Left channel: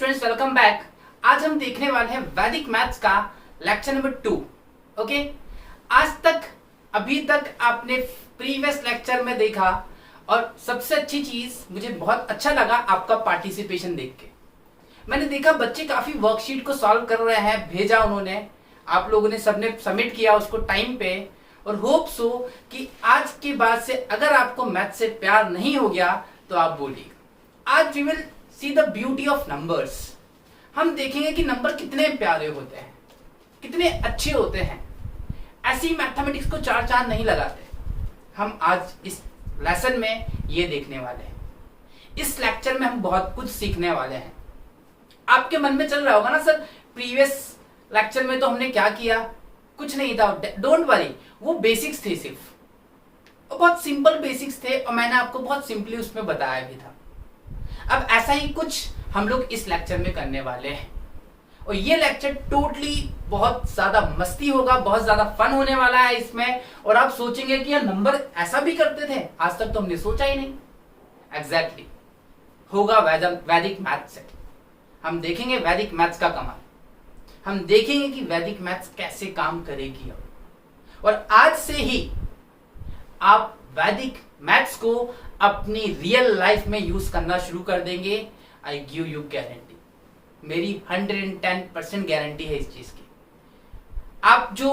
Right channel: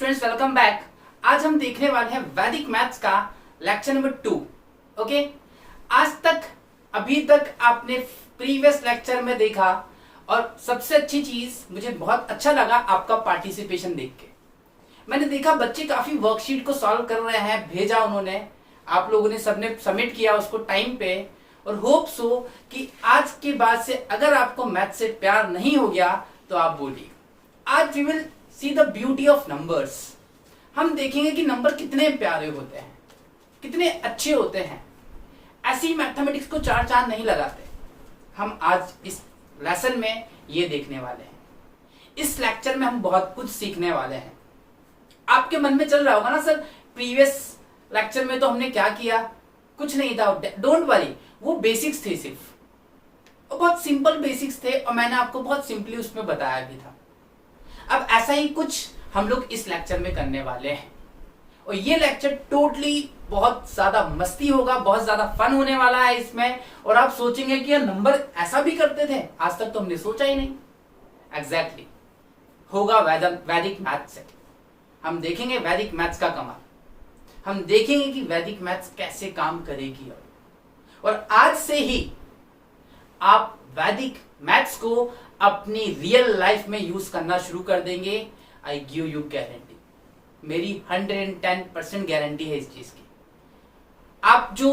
Students, welcome back. आज हम देखने वाले हैं वैदिक मैथ्स का लेक्चर नंबर 2। ओके, आज तक अभी तक आपने प्रीवियस लेक्चर में देखा और सबसे अच्छी चीज मुझे बहुत अच्छा लगा आपका पार्टिसिपेशन देख के। मैंने देखा बच्चे काफी वर्कशीट को सॉल्व कर रहे हैं, भेजा उन्होंने, आप लोगों ने सबने सबमिट किया उसको टाइम पे। और होप सो कि आज के बाद से अगर आपको मैथ से प्यार नहीं हो गया तो आप बोलिएगा। आज we will see the beauty of numbers. हम देखेंगे कि नंबर कितने प्यारे होते हैं, कितने अच्छे होते हैं। ऐसी मैथमेटिक्स को चार चांद नहीं लगाते। हम आज इस लेसन में ये देखने वाले हैं। इस लेक्चर में हम बहुत कुछ सीखने वाले हैं। आपके मन में चल रहा होगा ना, सर प्रीवियस लेक्चर में तो हमने क्या किया, कुछ नहीं था। डोंट वरी, वो बेसिक्स थे, सिर्फ बहुत सिंपल बेसिक्स थे और मैंने आपको बहुत सिंपली उसमें बताया भी था। अब ऐसा ही कुछ हम लोग इस लेक्चर में करने वाले हैं और ये लेक्चर टोटली बहुत ज्यादा मस्ती होगा, बहुत ज्यादा फन होने वाला है इसमें। और आप सोचेंगे कि ये नंबर ऐसा भी करते थे, आज तक तो हमने सोचा ही नहीं। एग्जैक्टली होगा वैदिक मैथ से। हम देखेंगे वैदिक मैथ्स का कमाल, हम देखेंगे कि वैदिक मैथ्स कैसे काम करेगी। और आज से ही आप वैदिक मैथ्स को अपनी रियल लाइफ में यूज करना शुरू कर देंगे। आई गिव यू गारंटी, मेरी 110% गारंटी है इस चीज की। आप जो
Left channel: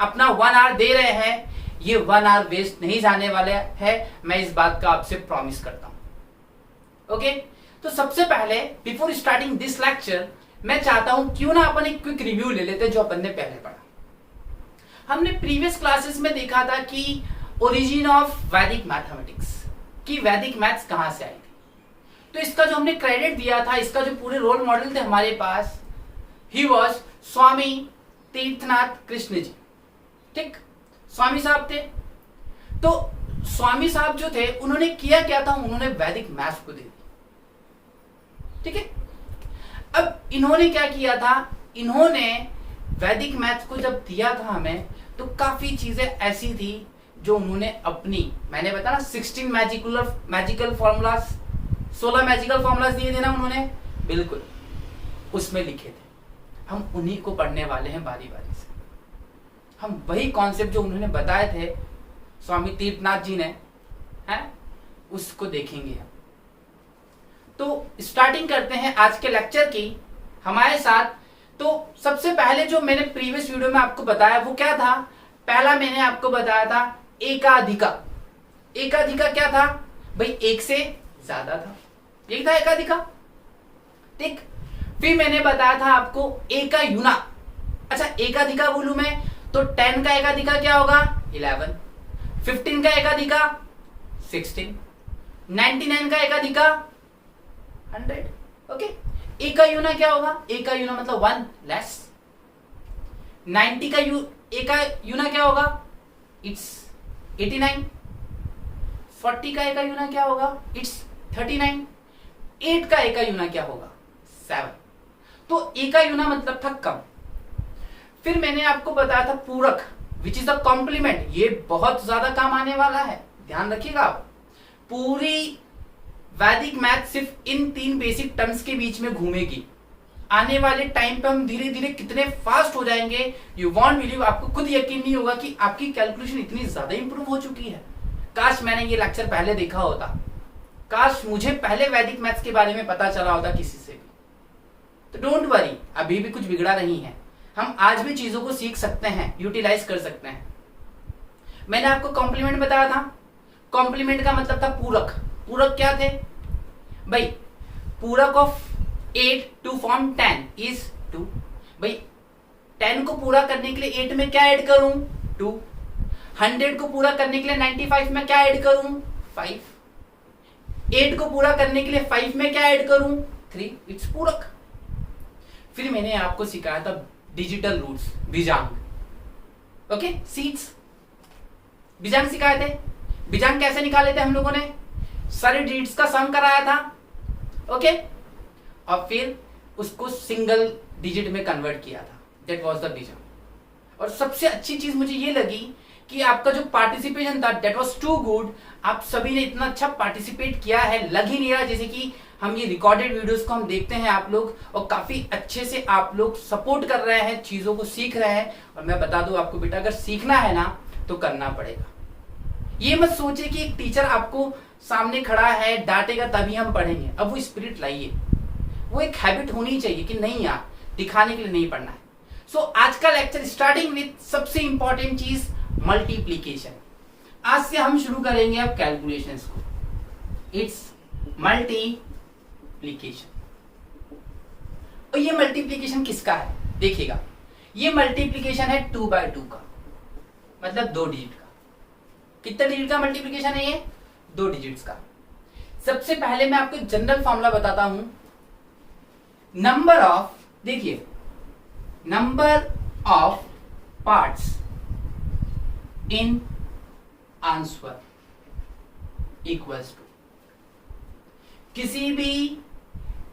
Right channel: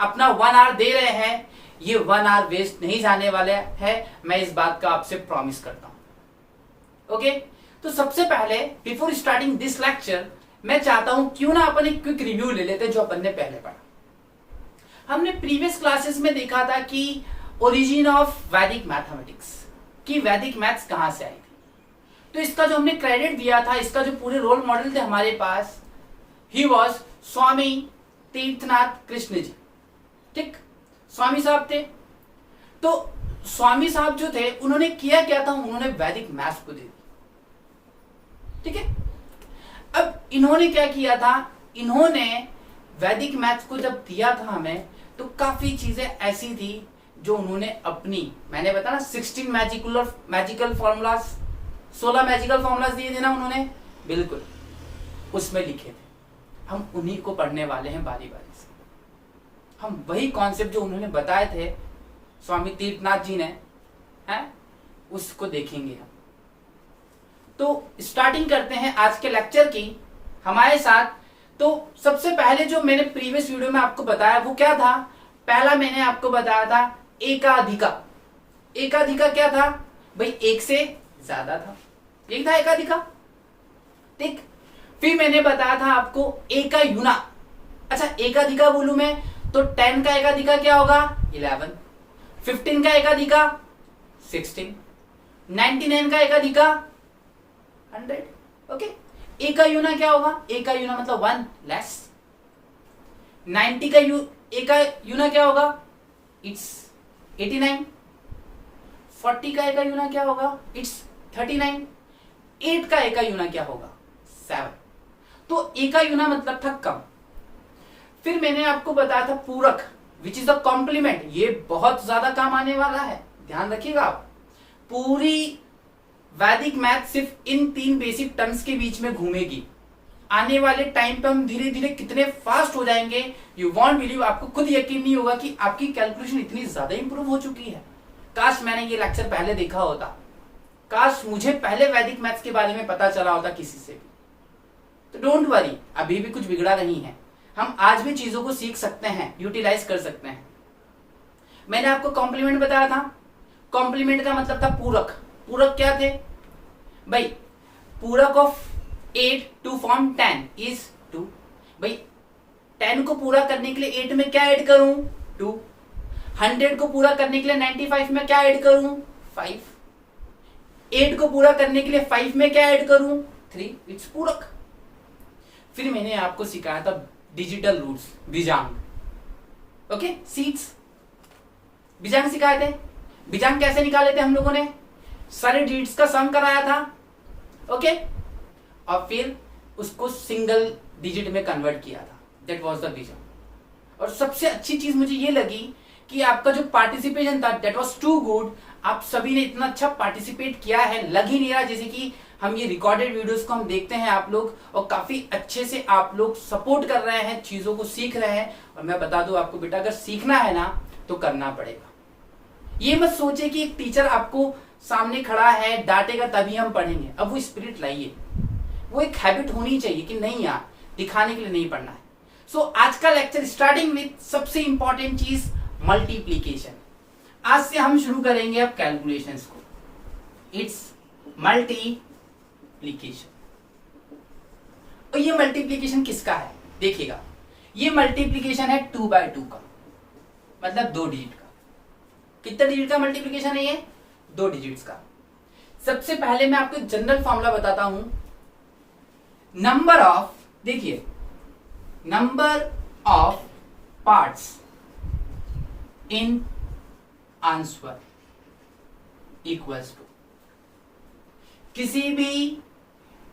अपना 1 आवर दे रहे हैं, ये 1 आवर वेस्ट नहीं जाने वाले हैं, मैं इस बात का आपसे प्रॉमिस करता हूं। ओके, तो सबसे पहले बिफोर स्टार्टिंग दिस लेक्चर मैं चाहता हूं क्यों ना अपन एक क्विक रिव्यू ले लेते जो अपन ने पहले पढ़ा। हमने प्रीवियस क्लासेस में देखा था कि ओरिजिन ऑफ वैदिक मैथमेटिक्स, कि वैदिक मैथ्स कहां से आई थी। तो इसका जो हमने क्रेडिट दिया था, इसका जो पूरे रोल मॉडल थे हमारे पास, ही वॉज स्वामी तीर्थनाथ कृष्ण जी। ठीक, स्वामी साहब थे। तो स्वामी साहब जो थे उन्होंने किया क्या था, उन्होंने वैदिक मैथ्स को दे दिया। ठीक है, अब इन्होंने क्या किया था, इन्होंने वैदिक मैथ्स को जब दिया था हमें, तो काफी चीजें ऐसी थी जो उन्होंने अपनी, मैंने बताया 16 मैजिकल फॉर्मूलाज, 16 मैजिकल फॉर्मूलाज दिए थे ना उन्होंने, बिल्कुल उसमें लिखे थे। हम उन्हीं को पढ़ने वाले हैं बारी बारी से। हम वही कॉन्सेप्ट जो उन्होंने बताए थे स्वामी तीर्थनाथ जी ने, है, उसको देखेंगे हम। तो स्टार्टिंग करते हैं आज के लेक्चर की हमारे साथ। तो सबसे पहले जो मैंने प्रीवियस वीडियो में आपको बताया वो क्या था, पहला मैंने आपको बताया था एकाधिका। एकाधिका क्या था भाई, एक से ज्यादा था, एक था एकाधिका। ठीक, फिर मैंने बताया था आपको एकायुना। अच्छा, एकाधिका बोलूं मैं तो 10 का एकाधिका क्या होगा 11, 15 का एकाधिका 16, 99 का एकाधिका 100। ओके, एकायुना क्या होगा, एकायुना मतलब 1 लेस। 90 का एकायुना क्या होगा, इट्स 89। 40 का एकायुना क्या होगा, इट्स 39। 8 का एकायुना क्या होगा 7। तो एकायुना मतलब था कम। फिर मैंने आपको बताया था पूरक, विच इज द कॉम्प्लीमेंट। ये बहुत ज्यादा काम आने वाला है, ध्यान रखिएगा आप। पूरी वैदिक मैथ सिर्फ इन 3 बेसिक टर्म्स के बीच में घूमेगी। आने वाले टाइम पे हम धीरे धीरे कितने फास्ट हो जाएंगे, यू वॉन्ट बिलीव। आपको खुद यकीन नहीं होगा कि आपकी कैलकुलेशन इतनी ज्यादा इंप्रूव हो चुकी है। काश मैंने ये लेक्चर पहले देखा होता, काश मुझे पहले वैदिक मैथ्स के बारे में पता चला होता किसी से भी। तो डोंट वरी, अभी भी कुछ बिगड़ा नहीं है। हम आज भी चीजों को सीख सकते हैं, यूटिलाइज कर सकते हैं। मैंने आपको कॉम्प्लीमेंट बताया था। कॉम्प्लीमेंट का मतलब था पूरक। पूरक क्या थे भाई, पूरक ऑफ 8 टू फॉर्म 10 इज 2। भाई 10 को पूरा करने के लिए 8 में क्या ऐड करूं 2। 100 को पूरा करने के लिए 95 में क्या ऐड करूं 5। 8 को पूरा करने के लिए 5 में क्या ऐड करूं 3। इट्स पूरक। फिर मैंने आपको सिखाया था डिजिटल रूट्स, बीजांग। ओके, सीड्स, बीजांग सिखाए थे। बीजांग कैसे निकाले थे हम लोगों ने, सारे डिजिट्स का सम कराया था। ओके, और फिर उसको सिंगल डिजिट में कन्वर्ट किया था, दैट वाज द बीजांग। और सबसे अच्छी चीज मुझे ये लगी कि आपका जो पार्टिसिपेशन था दैट वाज टू गुड। आप सभी ने इतना अच्छा पार्टिसिपेट किया है, लग ही नहीं रहा जैसे कि हम ये रिकॉर्डेड वीडियोस को हम देखते हैं आप लोग, और काफी अच्छे से आप लोग सपोर्ट कर रहे हैं, चीजों को सीख रहे हैं। और मैं बता दूं आपको बेटा, अगर सीखना है ना तो करना पड़ेगा। ये मत सोचे कि एक टीचर आपको सामने खड़ा है डांटेगा तभी हम पढ़ेंगे। अब वो स्पिरिट लाइए, वो एक हैबिट होनी चाहिए कि नहीं यार दिखाने के लिए नहीं पढ़ना है। सो आज का लेक्चर स्टार्टिंग विथ सबसे इंपॉर्टेंट चीज मल्टीप्लीकेशन। आज से हम शुरू करेंगे अब कैलकुलेशंस को। It's multiplication. और ये मल्टीप्लीकेशन किसका है देखिएगा, ये मल्टीप्लीकेशन है 2/2 का, मतलब 2 डिजिट का। कितने डिजिट का मल्टीप्लीकेशन है ये? 2 डिजिट्स का। सबसे पहले मैं आपको जनरल फॉर्मूला बताता हूं। नंबर ऑफ, देखिए number of parts in answer equals to, किसी भी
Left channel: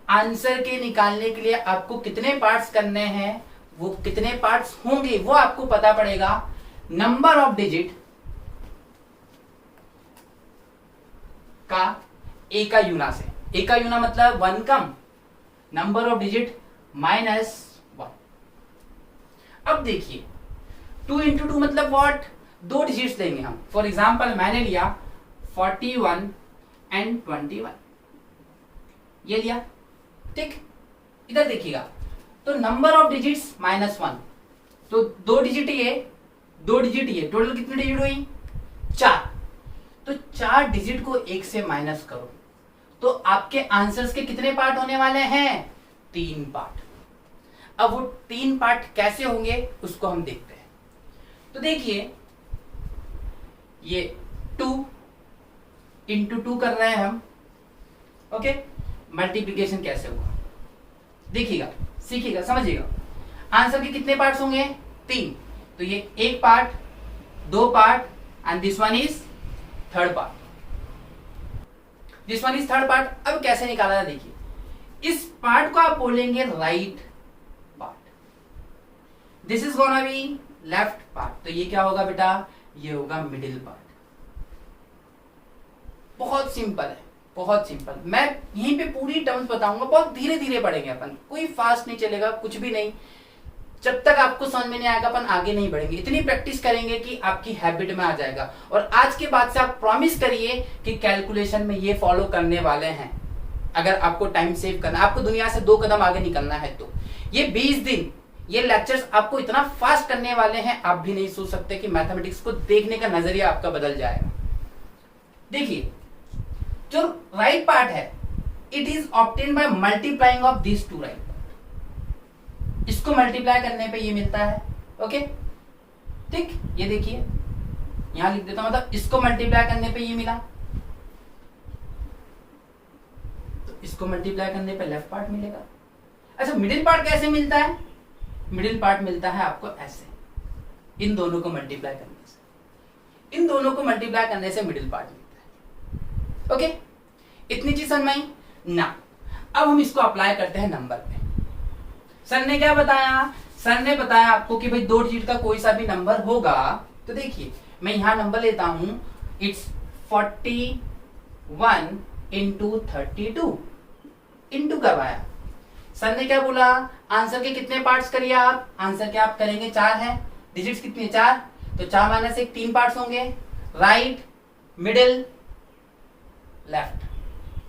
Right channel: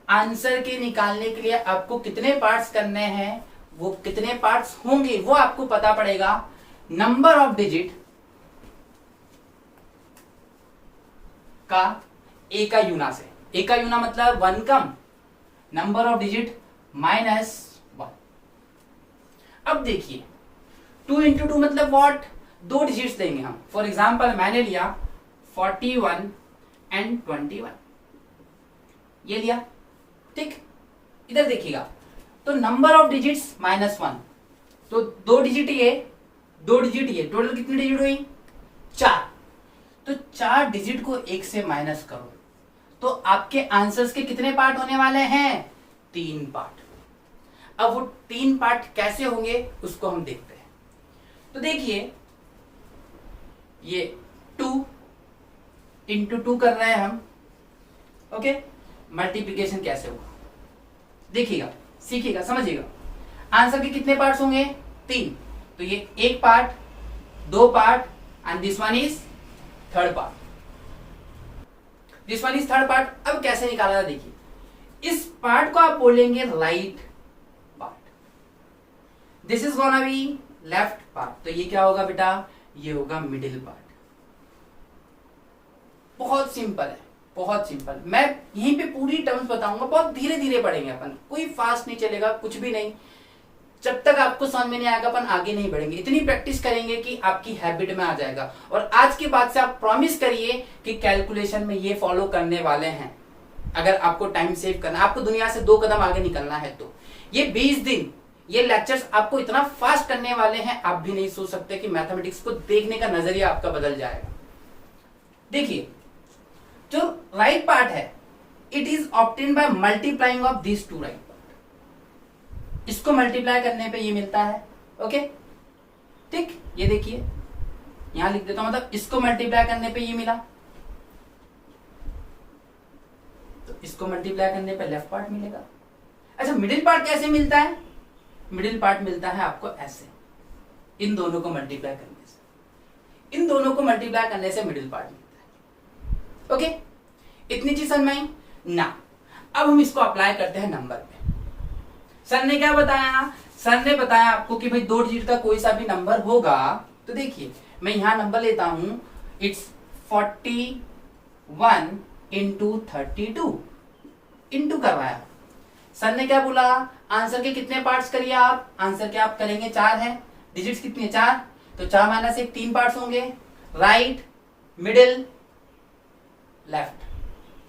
आंसर के निकालने के लिए आपको कितने पार्ट्स करने हैं, वो कितने पार्ट्स होंगे वो आपको पता पड़ेगा नंबर ऑफ डिजिट का ए का यूना से। ए का यूना मतलब 1 कम नंबर ऑफ डिजिट -1। अब देखिए 2 into 2 मतलब व्हाट, 2 डिजिट्स देंगे हम। फॉर एग्जाम्पल मैंने लिया 41 and 21, ये लिया, ठीक। इधर देखिएगा तो नंबर ऑफ डिजिट्स -1, तो 2 डिजिट ये, 2 डिजिट ये, टोटल कितनी डिजिट हुई? 4। तो 4 डिजिट को 1 से माइनस करो तो आपके आंसर्स के कितने पार्ट होने वाले हैं? 3 पार्ट। अब वो 3 पार्ट कैसे होंगे उसको हम देखते हैं। तो देखिए ये 2 into 2 कर रहे हैं हम, ओके। मल्टीप्लीकेशन कैसे होगा देखिएगा, सीखिएगा, समझिएगा। आंसर के कितने पार्ट्स होंगे? 3। तो ये 1 part, 2 part and this one is 3rd part. This one is 3rd part. अब कैसे निकाला था देखिए, इस पार्ट को आप बोलेंगे right part, this is gonna be left part. तो ये क्या होगा बेटा? ये होगा मिडिल पार्ट। बहुत सिंपल है, बहुत सिंपल। मैं यहीं पे पूरी टर्म्स बताऊंगा, बहुत धीरे धीरे पढ़ेंगे अपन, कोई फास्ट नहीं चलेगा, कुछ भी नहीं। जब तक आपको समझ में नहीं आएगा अपन आगे नहीं बढ़ेंगे। इतनी प्रैक्टिस करेंगे कि आपकी हैबिट में आ जाएगा। और आज के बाद से आप प्रॉमिस करिए कि कैलकुलेशन में ये फॉलो करने वाले हैं। अगर आपको टाइम सेव करना, आपको दुनिया से 2 कदम आगे निकलना है तो ये 20 दिन ये लेक्चर्स आपको इतना फास्ट करने वाले हैं, आप भी नहीं सोच सकते कि मैथमेटिक्स को देखने का नजरिया आपका बदल जाएगा। देखिए जो राइट पार्ट है, it is obtain by multiplying of this 2 right part. इसको मल्टीप्लाई करने पे ये मिलता है, ओके, ठीक। ये देखिए यहां लिख देता हूं, मतलब इसको मल्टीप्लाई करने पे ये मिला, तो इसको मल्टीप्लाई करने पे लेफ्ट पार्ट मिलेगा। अच्छा मिडिल पार्ट कैसे मिलता है? मिडिल पार्ट मिलता है आपको ऐसे, इन दोनों को मल्टीप्लाई करने से, इन दोनों को मल्टीप्लाई करने से मिडिल पार्ट मिलता है, ओके। इतनी चीज समझ में आई ना? अब हम इसको अप्लाई करते हैं नंबर पे। सर ने क्या बताया? सर ने बताया आपको कि भाई 2 डिजिट का कोई सा भी नंबर होगा। तो देखिए मैं यहां नंबर लेता हूं, इट्स 41 into 32 इंटू करवाया। सर ने क्या बोला? आंसर के कितने पार्ट्स करिए आप? आंसर के आप करेंगे 4 है, डिजिट्स कितनी है? 4। तो 4 माइनस 1 3 पार्ट्स होंगे, राइट, मिडिल, लेफ्ट,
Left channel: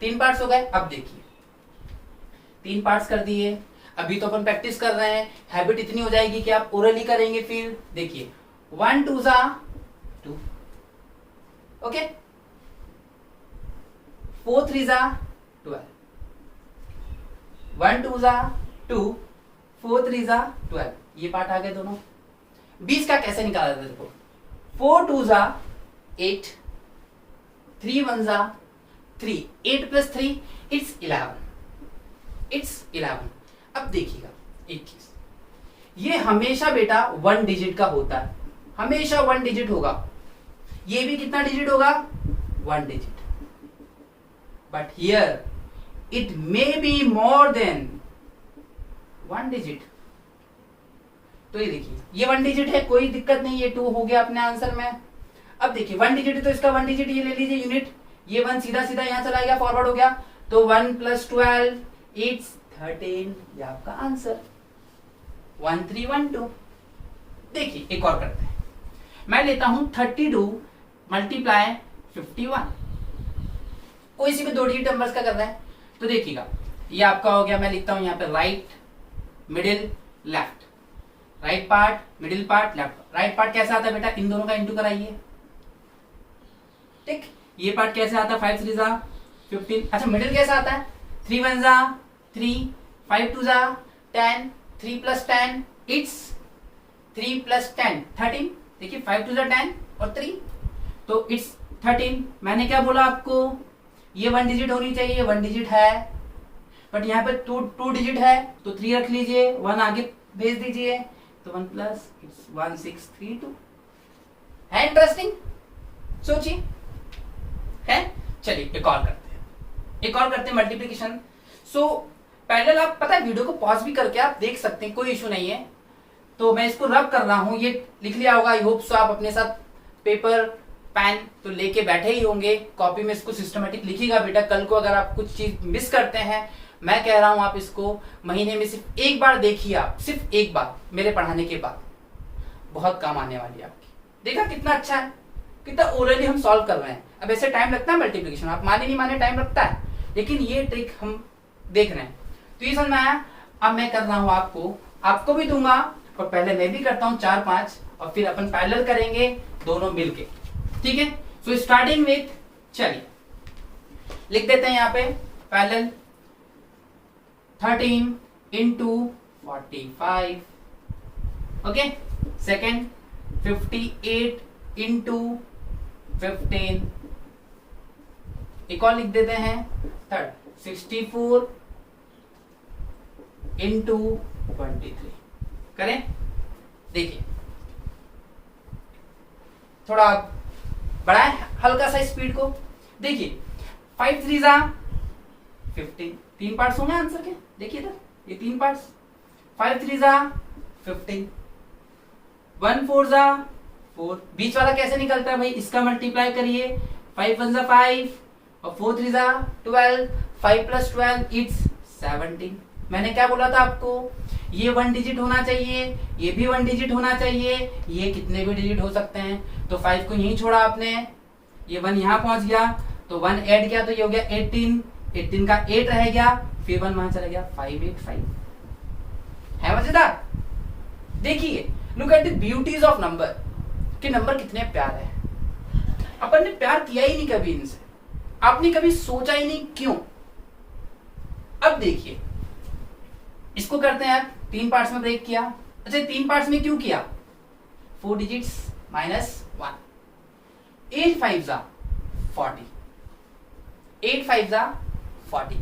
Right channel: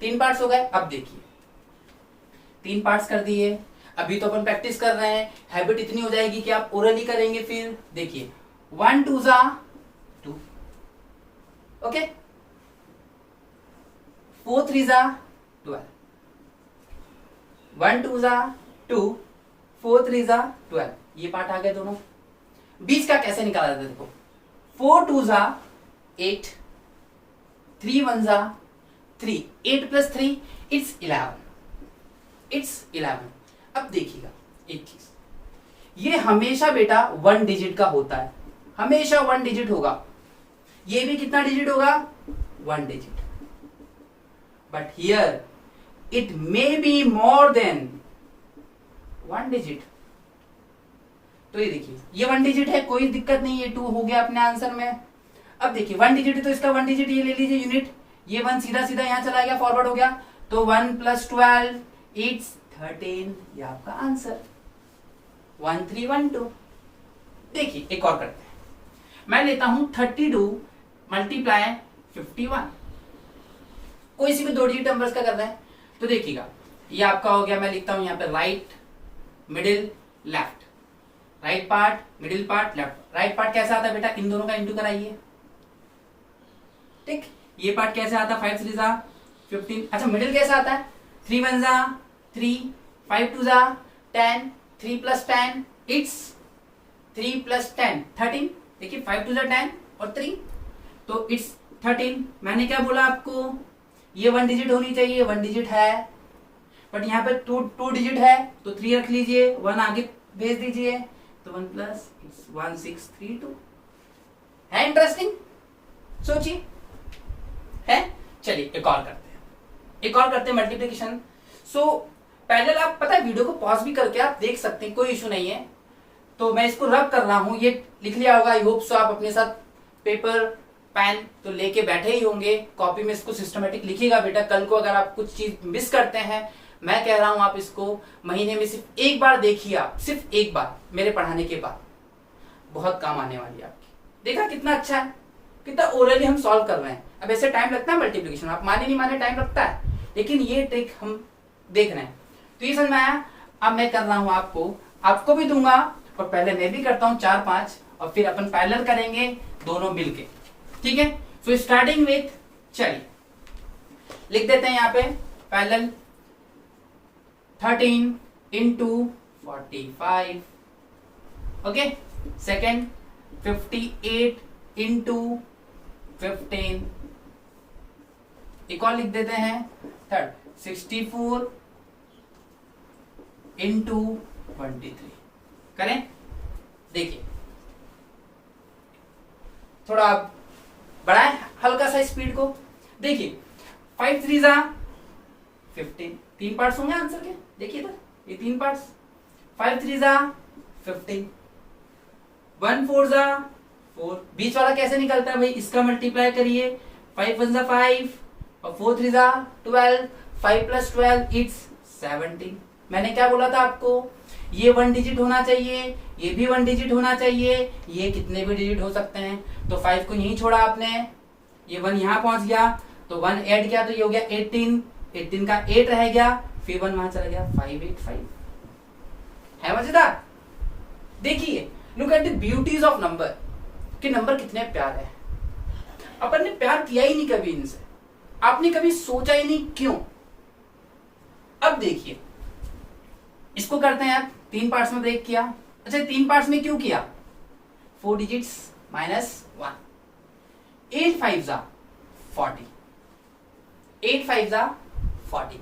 3 पार्ट्स हो गए। अब देखिए 3 पार्ट्स कर दिए। अभी तो अपन प्रैक्टिस कर रहे हैं, हैबिट इतनी हो जाएगी कि आप ओरली करेंगे। फिर देखिए 1 2 2, ओके, 4 3 12, 1 2 2, 4 3 12। ये पार्ट आ गए दोनों। 20 का कैसे निकाला जाता है देखो, 4 2 8, 3 1 3, 8 + 3 इट्स 11, इट्स 11। अब देखिएगा एक चीज, ये हमेशा बेटा 1 डिजिट का होता है, हमेशा 1 डिजिट होगा। ये भी कितना डिजिट होगा? 1 digit. But here it may be more than 1 digit. तो ये देखिए ये 1 डिजिट है, कोई दिक्कत नहीं, ये 2 हो गया अपने आंसर में। अब देखिए 1 डिजिट है तो इसका 1 डिजिट ये ले लीजिए यूनिट, ये 1 सीधा सीधा यहां चला गया, फॉरवर्ड हो गया। तो 1 + 12 इट्स 13, ये आपका आंसर 1312। देखिए एक और करते हैं, मैं लेता हूं 32 मल्टीप्लाई 51। कोई सी भी 2 डिजिट नंबर्स का करना है तो देखिएगा, ये आपका हो गया, मैं लिखता हूं यहाँ पे right middle left, right part middle part left. Right part कैसा आता है बेटा, इन दोनों का इंटू कराइए, ठीक। ये पार्ट कैसे आता है, 5 3 जा 15। अच्छा मिडिल कैसा आता है, 3 1 जा 3, 5 2 जा 10, 3 + 10 इट्स 3 + 10 13। देखिए 5 2 जा 10 और 3 तो इट्स 13। मैंने क्या बोला आपको, ये 1 डिजिट होनी चाहिए, 1 डिजिट है, बट यहाँ पे 2 डिजिट है तो 3 रख लीजिए, 1 आगे भेज दीजिए, तो 1 प्लस 1632 है। इंटरेस्टिंग, सोचिए है। चलिए एक और करते हैं मल्टीप्लिकेशन। सो पैरेलल, आप पता है वीडियो को पॉज भी करके आप देख सकते हैं, कोई इशू नहीं है। तो मैं इसको रब कर रहा हूं, ये लिख लिया होगा, आई होप सो। आप अपने साथ पेपर पेन तो लेके बैठे ही होंगे, कॉपी में इसको सिस्टमेटिक लिखिएगा बेटा। कल को अगर आप कुछ चीज मिस करते हैं, मैं कह रहा हूं आप इसको महीने में सिर्फ एक बार देखिए, आप सिर्फ एक बार मेरे पढ़ाने के बाद, बहुत काम आने वाली है आपकी। देखा कितना अच्छा है, कितना ओरली हम सॉल्व कर रहे हैं। अब ऐसे टाइम लगता है मल्टीप्लिकेशन, आप माने नहीं माने टाइम लगता है, लेकिन ये ट्रिक हम देख रहे हैं तो ये समझ में आया। अब मैं कर रहा हूं आपको भी दूंगा, और पहले मैं भी करता हूं 4 5, और फिर अपन पैरेलल करेंगे दोनों मिलके, ठीक है। सो स्टार्टिंग विथ, चलिए लिख देते हैं यहाँ पे पैरेलल 13 × 45, ओके। सेकेंड 58 × 15, एक और लिख देते हैं। थर्ड 64 × 23, करें। देखिए थोड़ा बढ़ाएं हल्का सा स्पीड को। देखिए 5 3 जा 15, 3 पार्ट्स होंगे आंसर के, देखिए इधर ये 3 पार्ट्स। 5 3 जा 15, 1 4 जा 4, बीच वाला कैसे निकलता है भाई, इसका मल्टीप्लाई करिए, 5 1 जा 5 और 4 3 जा 12, 5 + 12 इट्स 17। मैंने क्या बोला था आपको, ये 1 डिजिट होना चाहिए, ये भी 1 डिजिट होना चाहिए, ये कितने भी डिजिट हो सकते हैं। तो 5 को यहीं छोड़ा आपने, ये 1 यहां पहुंच गया, तो 1 ऐड किया तो ये हो गया 18, 18 का 8 रह गया, फिर 1 वहां चला गया, 585 है। मजेदार, देखिए look at the beauties of number, कि नंबर कितने प्यारे हैं। अपन ने प्यार किया ही नहीं कभी इनसे, आपने कभी सोचा ही नहीं क्यों। अब देखिए इसको करते हैं यार, 3 पार्ट्स में ब्रेक किया। अच्छा 3 पार्ट्स में क्यों किया, 4 डिजिट्स -1, 8 5 जा 40, 8 5 जा 40,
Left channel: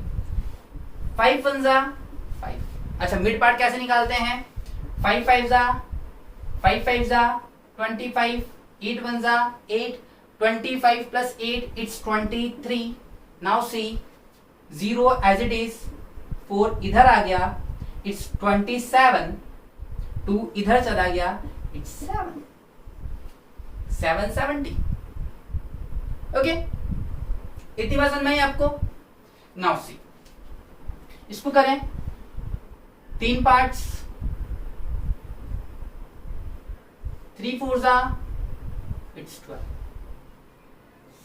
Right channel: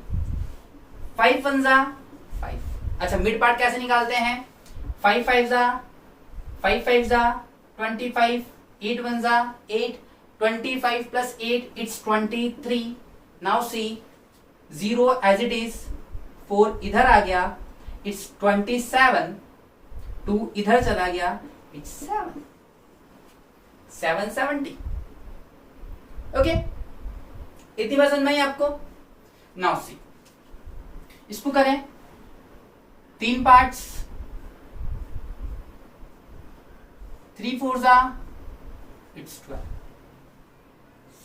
5 1 जा 5। अच्छा मिड पार्ट कैसे निकालते हैं, 5 5 जा 25, 8 1 जा 8, 25 + 8 it's 23। Now see 0 as it is, 4 इधर आ गया, इट्स 27, 2 इधर चला गया, इट्स 7, 770। ओके, इतनी बात समझ में आई आपको। नाउ सी, इसको करें 3 पार्ट्स, 3 4 जा इट्स 12,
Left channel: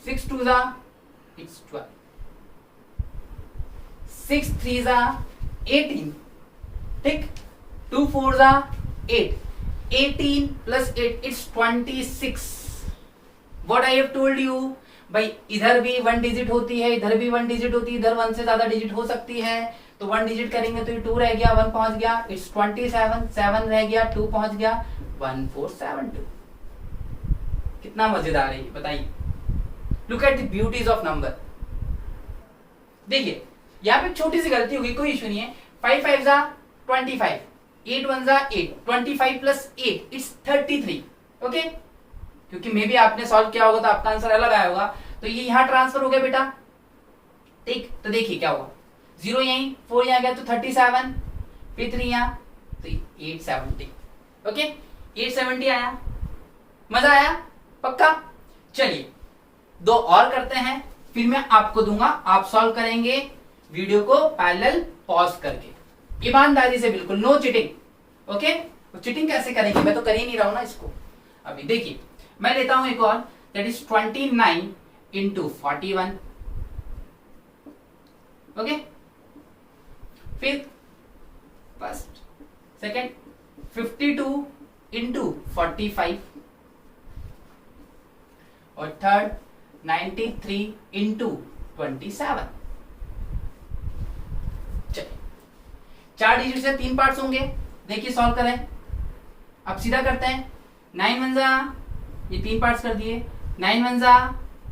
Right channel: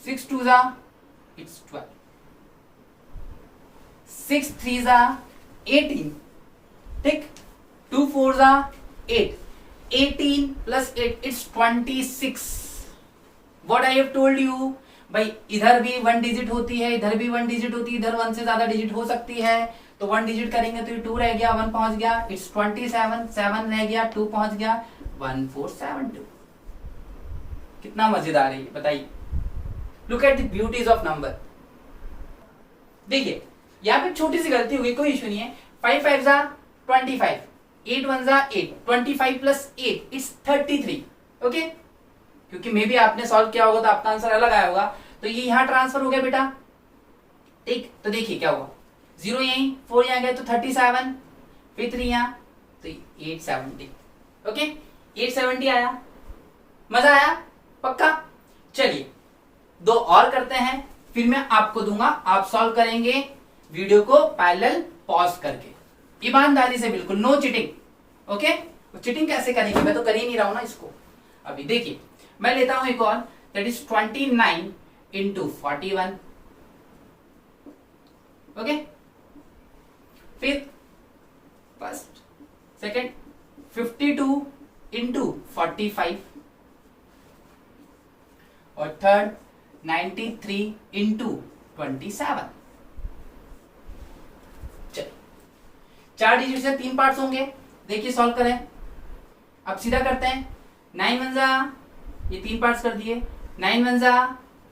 6 2 जा इट्स 12, 6 3 जा 18, ठीक। 2 4 जा 8, 18 + 8 it's 26। What I have told you, भाई इधर भी 1 डिजिट होती है, इधर भी 1 डिजिट होती है, इधर 1 से ज्यादा डिजिट हो सकती है। तो 1 डिजिट करेंगे तो ये 2 रह गया, 1 पहुंच गया, इट्स 27, 7 रह गया, 2 पहुंच गया, 1472। कितना मजेदार है ये, बताइए। Look at the beauties of number. देखिए यहाँ पे छोटी सी गलती हुई, कोई इशू नहीं है। 5 5 जा 25, 8 1 जा 8, 25 + 8 इट्स 33, ओके। क्योंकि मे भी आपने सॉल्व किया होगा तो आपका आंसर अलग आया होगा, तो ये यहां ट्रांसफर हो गया बेटा, ठीक। तो देखिए क्या हुआ, 0 यहीं, 4 यहां गया तो 37, फिर 3 यहां तो 870, ओके। 870 आया, मजा आया पक्का। चलिए 2 और करते हैं, फिर मैं आपको दूंगा, आप सॉल्व करेंगे, वीडियो को पैरेलल पॉज करके, ईमानदारी से, बिल्कुल नो चीटिंग। ओके, चीटिंग कैसे करेंगे, मैं तो कर ही नहीं रहा हूं ना इसको। अभी देखिए मैं लेता हूं एक और, दैट इज 29 इंटू 41। ओके, फिर फर्स्ट सेकेंड 52 इंटू 45 और थर्ड 93 इंटू 27। चलिए 4 डिजिट से 3 पार्ट्स होंगे, देखिए सॉल्व करें। अब सीधा करते हैं, 9 वन जा, ये 3 पार्ट्स कर दिए, 9 वन जा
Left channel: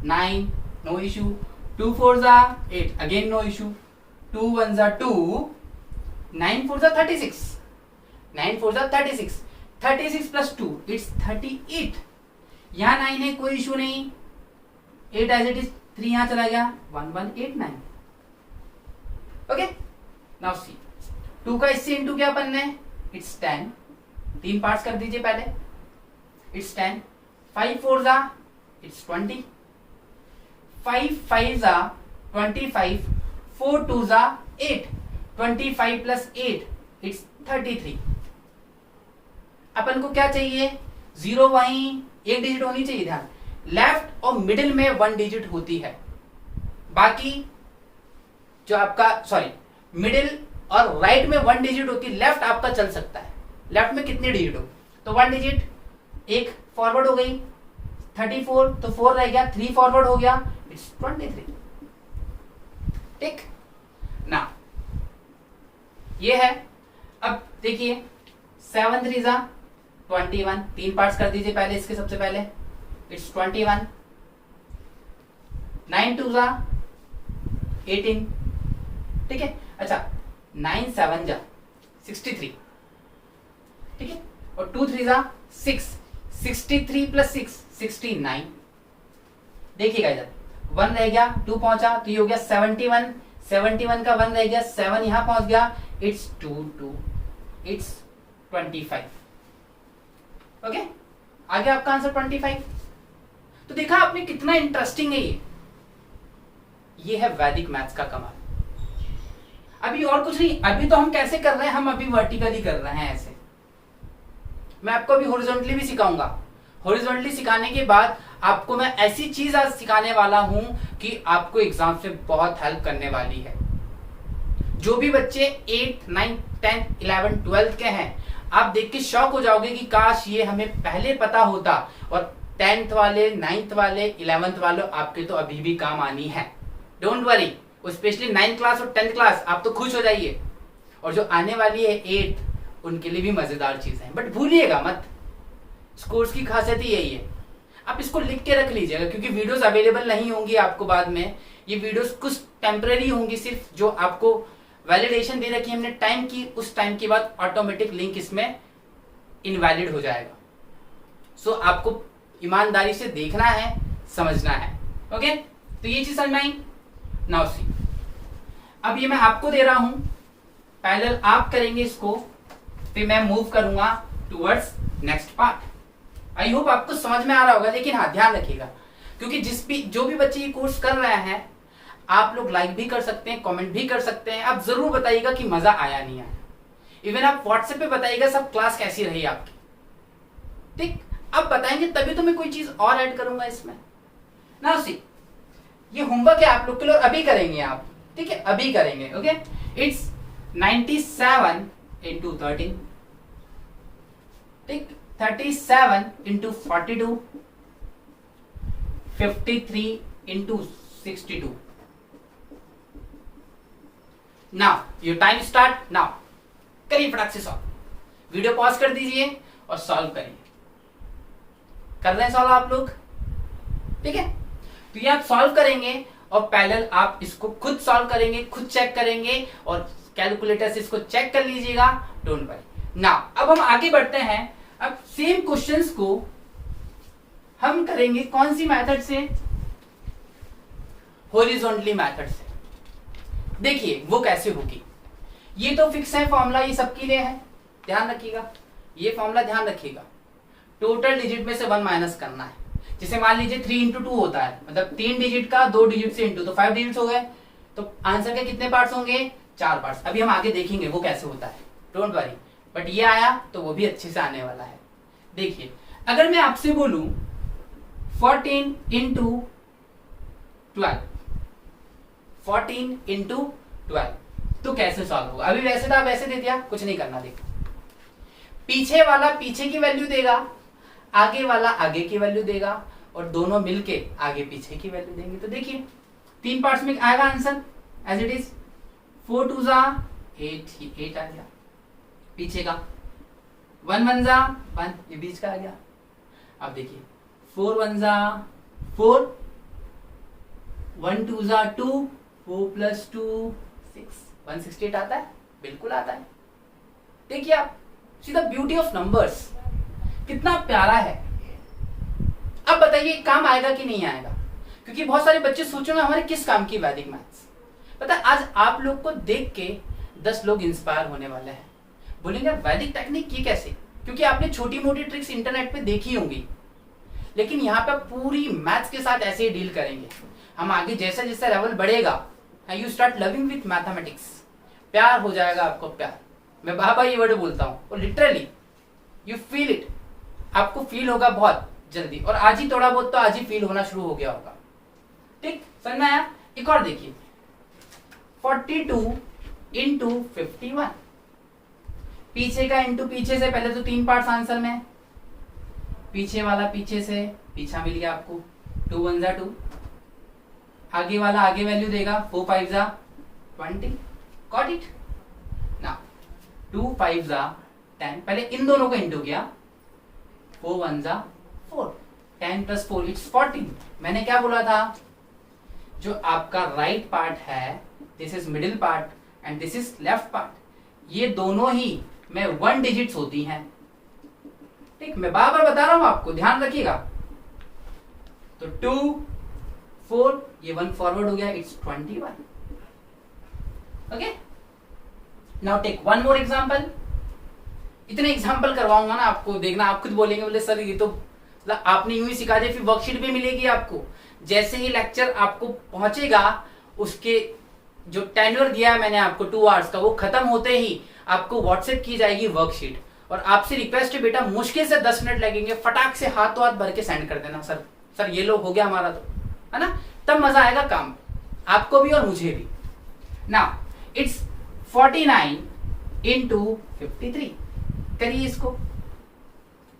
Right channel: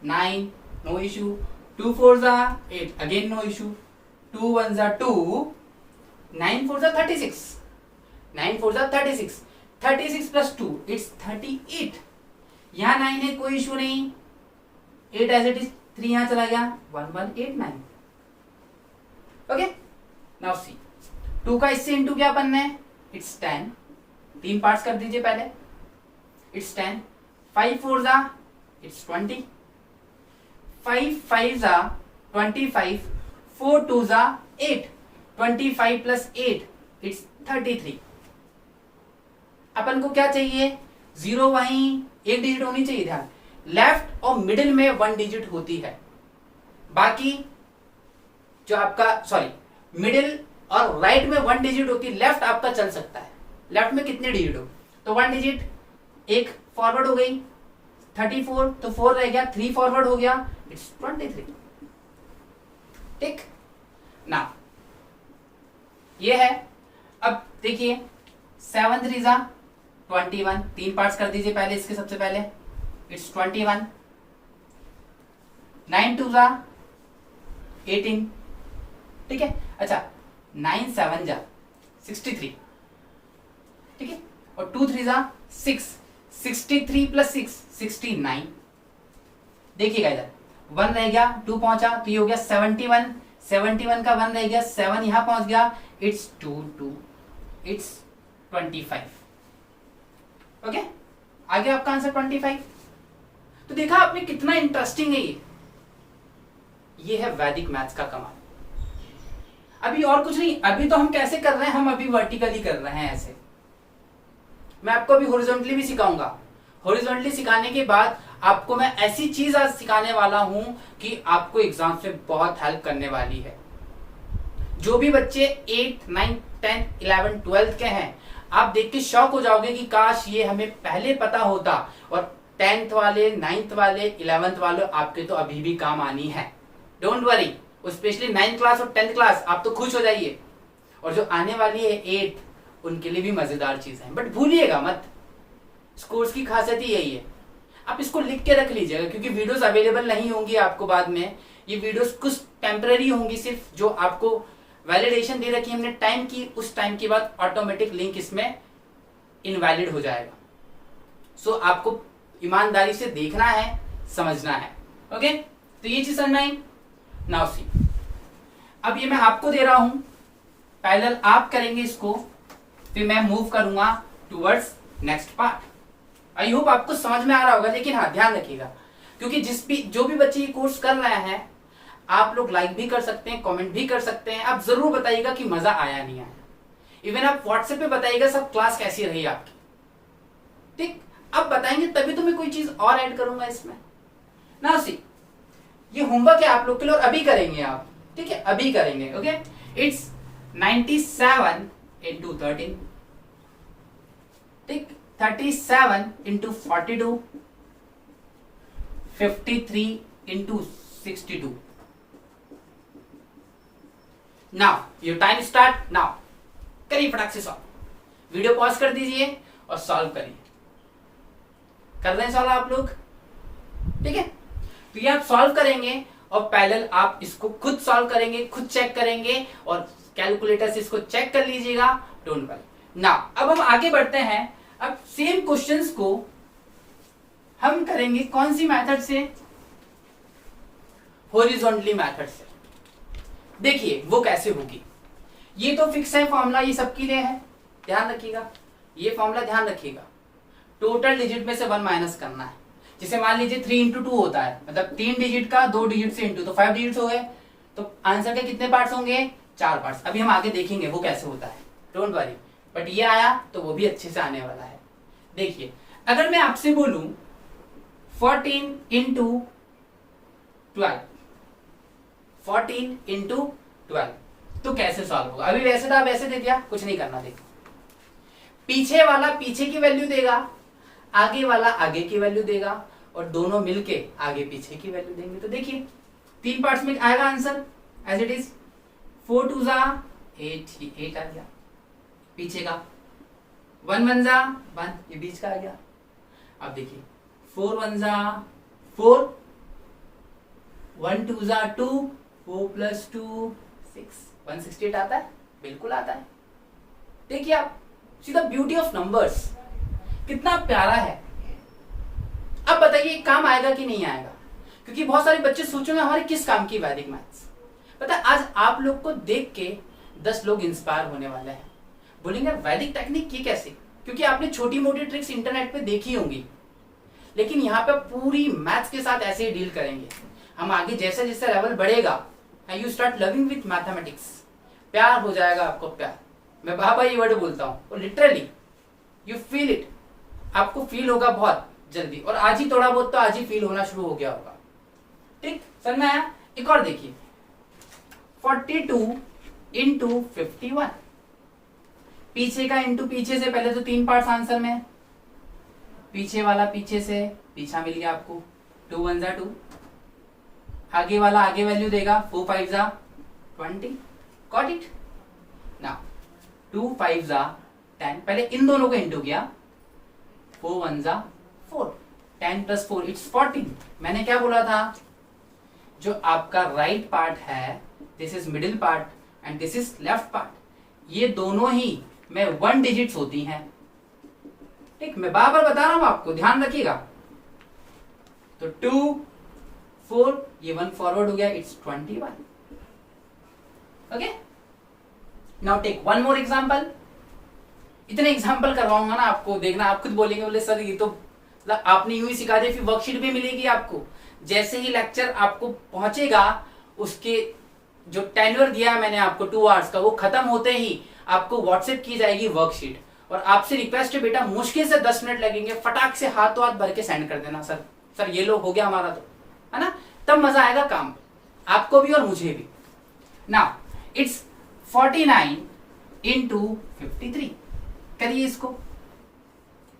9, नो इशू, 2 फोर जा 8, अगेन नो इशू, 2 वन जा 2, 9 फोर जा 36, 9 फोर जा 36, 36 प्लस 2 इट्स 38। यहां 9 है, कोई इशू नहीं, 8 एज इट इज, 3 यहां चला गया, 1189। ओके, नाउ सी 2 का इससे इंटू क्या बनना है, इट्स 10, 3 पार्ट्स कर दीजिए पहले, इट्स 10, 5 फोर जा इट्स 20, 5 फाइव जा 25, 4 टू जा 8, 25 प्लस 8 इट्स 33। अपन को क्या चाहिए, 0 वहीं, एक डिजिट होनी चाहिए, ध्यान, लेफ्ट और मिडिल में 1 डिजिट होती है, बाकी जो आपका सॉरी मिडिल और राइट में 1 डिजिट होती है, लेफ्ट आपका चल सकता है, लेफ्ट में कितने डिजिट हो, तो 1 डिजिट, एक फॉरवर्ड हो गई 34, तो 4 रह गया, 3 फॉरवर्ड हो गया, इट्स 23। ठीक ना, ये है। अब देखिए 7 3 जा 21, 3 पार्ट्स कर दीजिए पहले इसके, सबसे पहले इट्स 21, 9 2 जा 18, ठीक है। अच्छा 9 7 जा 63, ठीक है, और 2 3 जा 6, 63 प्लस 6 69। देखिएगा इधर 1 रह गया, 2 पहुंचा, तो ये हो गया 71, 71 का 1 रह गया, 7 यहां पहुंच गया, इट्स 2 2, इट्स 25। ओके, आ गया आपका आंसर 25। तो देखा आपने कितना इंटरेस्टिंग है ये है वैदिक मैथ्स का कमाल। अभी और कुछ नहीं, अभी तो हम कैसे कर रहे हैं, हम अभी वर्टिकली कर रहे हैं ऐसे। मैं आपको अभी हॉरिजॉन्टली भी सिखाऊंगा। हॉरिजॉन्टली सिखाने के बाद आपको मैं ऐसी चीज आज सिखाने वाला हूं कि आपको एग्जाम से बहुत हेल्प करने वाली है। जो भी बच्चे 8, 9, 10, 11, 12 के हैं, आप देख के शॉक हो जाओगे कि काश ये हमें पहले पता होता। और 10th वाले, 9th वाले, 11th वाले आपके तो अभी भी काम आनी है, don't worry. Specially 9th class और 10th क्लास आप तो खुश हो जाइए, और जो आने वाली है 8th, उनके लिए भी मजेदार चीज है। बट भूलिएगा मत, इस कोर्स की खासियत ही यही है, आप इसको लिख के रख लीजिएगा, क्योंकि वीडियोस अवेलेबल नहीं होंगी आपको बाद में। ये वीडियोस कुछ टेम्पररी होंगी, सिर्फ जो आपको वैलिडेशन दे रखी है हमने टाइम की, उस टाइम के बाद ऑटोमेटिक लिंक इसमें इनवैलिड हो जाएगा। सो आपको ईमानदारी से देखना है, समझना है। ओके, तो ये चीज समझ में आई। नाउ सी, अब ये मैं आपको दे रहा हूं, पैरेलल आप करेंगे इसको, फिर मैं मूव करूंगा towards next part. I hope आपको समझ में आ रहा होगा। लेकिन हाँ, ध्यान रखिएगा, क्योंकि जो भी बच्चे ये कोर्स कर रहे हैं, आप लोग लाइक भी कर सकते हैं, कमेंट भी कर सकते हैं। आप जरूर बताइएगा कि मजा आया नहीं आया। इवन आप व्हाट्सएप पे बताइएगा सब क्लास कैसी रही आपकी। ठीक, अब बताएंगे तभी तो मैं कोई चीज और ऐड करूंगा इसमें। नाउ सी, ये होमवर्क है आप लोग के लिए, और अभी करेंगे आप, ठीक है, अभी करेंगे। ओके, इट्स 97 इंटू 13, ठीक, 37 into 42, 53 into 62। Now your time start now. करिए फटाक से सॉल्व, वीडियो पॉज कर दीजिए और सॉल्व करिए। कर रहे हैं सॉल्व आप लोग, ठीक है। तो ये आप सॉल्व करेंगे और पैरेलल आप इसको खुद सॉल्व करेंगे, खुद चेक करेंगे, और कैलकुलेटर से इसको चेक कर लीजिएगा, डोंट वरी। नाउ अब हम आगे बढ़ते हैं। अब सेम क्वेश्चंस को हम करेंगे कौन सी मेथड से, हॉरिजॉन्टली मेथड से। देखिए वो कैसे होगी। ये तो फिक्स है फॉर्मूला, ये सबके लिए है, ध्यान रखिएगा। ये फॉर्मूला ध्यान रखिएगा, टोटल डिजिट में से 1 माइनस करना है। जैसे मान लीजिए 3 इंटू 2 होता है, मतलब 3 डिजिट का 2 डिजिट से इंटू, तो 5 डिजिट हो गए। तो आंसर के कितने पार्ट्स होंगे? 4 पार्ट्स। अभी हम आगे देखेंगे वो कैसे होता है, डोंट वरी। बट ये आया तो वो भी अच्छे से आने वाला है। देखिए, अगर मैं आपसे बोलूं 14 इंटू 12, 14 इंटू 12 तो कैसे सॉल्व होगा? अभी वैसे था वैसे दे दिया, कुछ नहीं करना। देखो, पीछे वाला पीछे की वैल्यू देगा, आगे वाला आगे की वैल्यू देगा, और दोनों मिलके आगे पीछे की वैल्यू देंगे। तो देखिए 3 पार्ट्स में आएगा आंसर एज इट इज। 4 2 जा 8, ये 8 आ गया पीछे का। 1 1 जा 1, ये बीच का आ गया। अब देखिए 4 1 जा 4, 1 2 जा 2, 4 प्लस 2 6, 168 आता है, बिल्कुल आता है। देखिए आप, सी द ब्यूटी ऑफ नंबर्स, कितना प्यारा है। अब बताइए काम आएगा कि नहीं आएगा? क्योंकि बहुत सारे बच्चे सोचेंगे हमारे किस काम की वैदिक मैथ्स। पता है, आज आप लोग को देख के 10 लोग इंस्पायर होने वाले हैं, बोलेंगे वैदिक टेक्निक ये कैसे? क्योंकि आपने छोटी मोटी ट्रिक्स इंटरनेट पे देखी होंगी, लेकिन यहाँ पे पूरी मैथ्स के साथ ऐसे ही डील करेंगे हम। आगे जैसे जैसे लेवल बढ़ेगा, you start loving with mathematics, प्यार हो जाएगा आपको, प्यार। मैं बाबा ये वर्ड बोलता हूँ, और लिटरली यू फील इट, आपको फील होगा बहुत जल्दी। और आज ही थोड़ा बहुत तो आज ही फील होना शुरू हो गया होगा। ठीक, समझ में आया? एक और देखिए, 42 इंटू 51, पीछे का इंटू पीछे से, पहले तो 3 पार्ट्स आंसर में, पीछे वाला पीछे से, पीछा मिल गया आपको, 2 1 जा 2, आगे वाला आगे वैल्यू देगा, 4 5 जा 20, गॉट इट ना। 2 5 जा 10, पहले इन दोनों को इंटू किया, 4 1 जा 4, 10 प्लस 4 इट्स 14। मैंने क्या बोला था? जो आपका राइट पार्ट है, this is middle part and this is left part, ये दोनों ही में 1 डिजिट्स होती हैं। ठीक, मैं बार बार बता रहा हूं आपको, ध्यान रखिएगा। तो 2 4, ये 1 फॉरवर्ड हो गया, it's 21। Okay, now take one more example. इतने एग्जांपल करवाऊंगा ना आपको, देखना आप खुद बोलेंगे, बोले सर ये तो आपने यूं ही सिखा दिया। फिर वर्कशीट भी मिलेगी आपको, जैसे ही लेक्चर आपको पहुंचेगा, उसके जो टेन्योर दिया है मैंने आपको 2 आवर्स का, वो खत्म होते ही आपको व्हाट्सएप की जाएगी वर्कशीट। और आपसे रिक्वेस्ट है बेटा, मुश्किल से 10 मिनट लगेंगे, फटाक से हाथों हाथ भर के सेंड कर देना। सर ये लो, हो गया हमारा, तो है ना, तब मजा आएगा काम, आपको भी और मुझे भी। नाउ इट्स 49 इंटू 53, करिए इसको,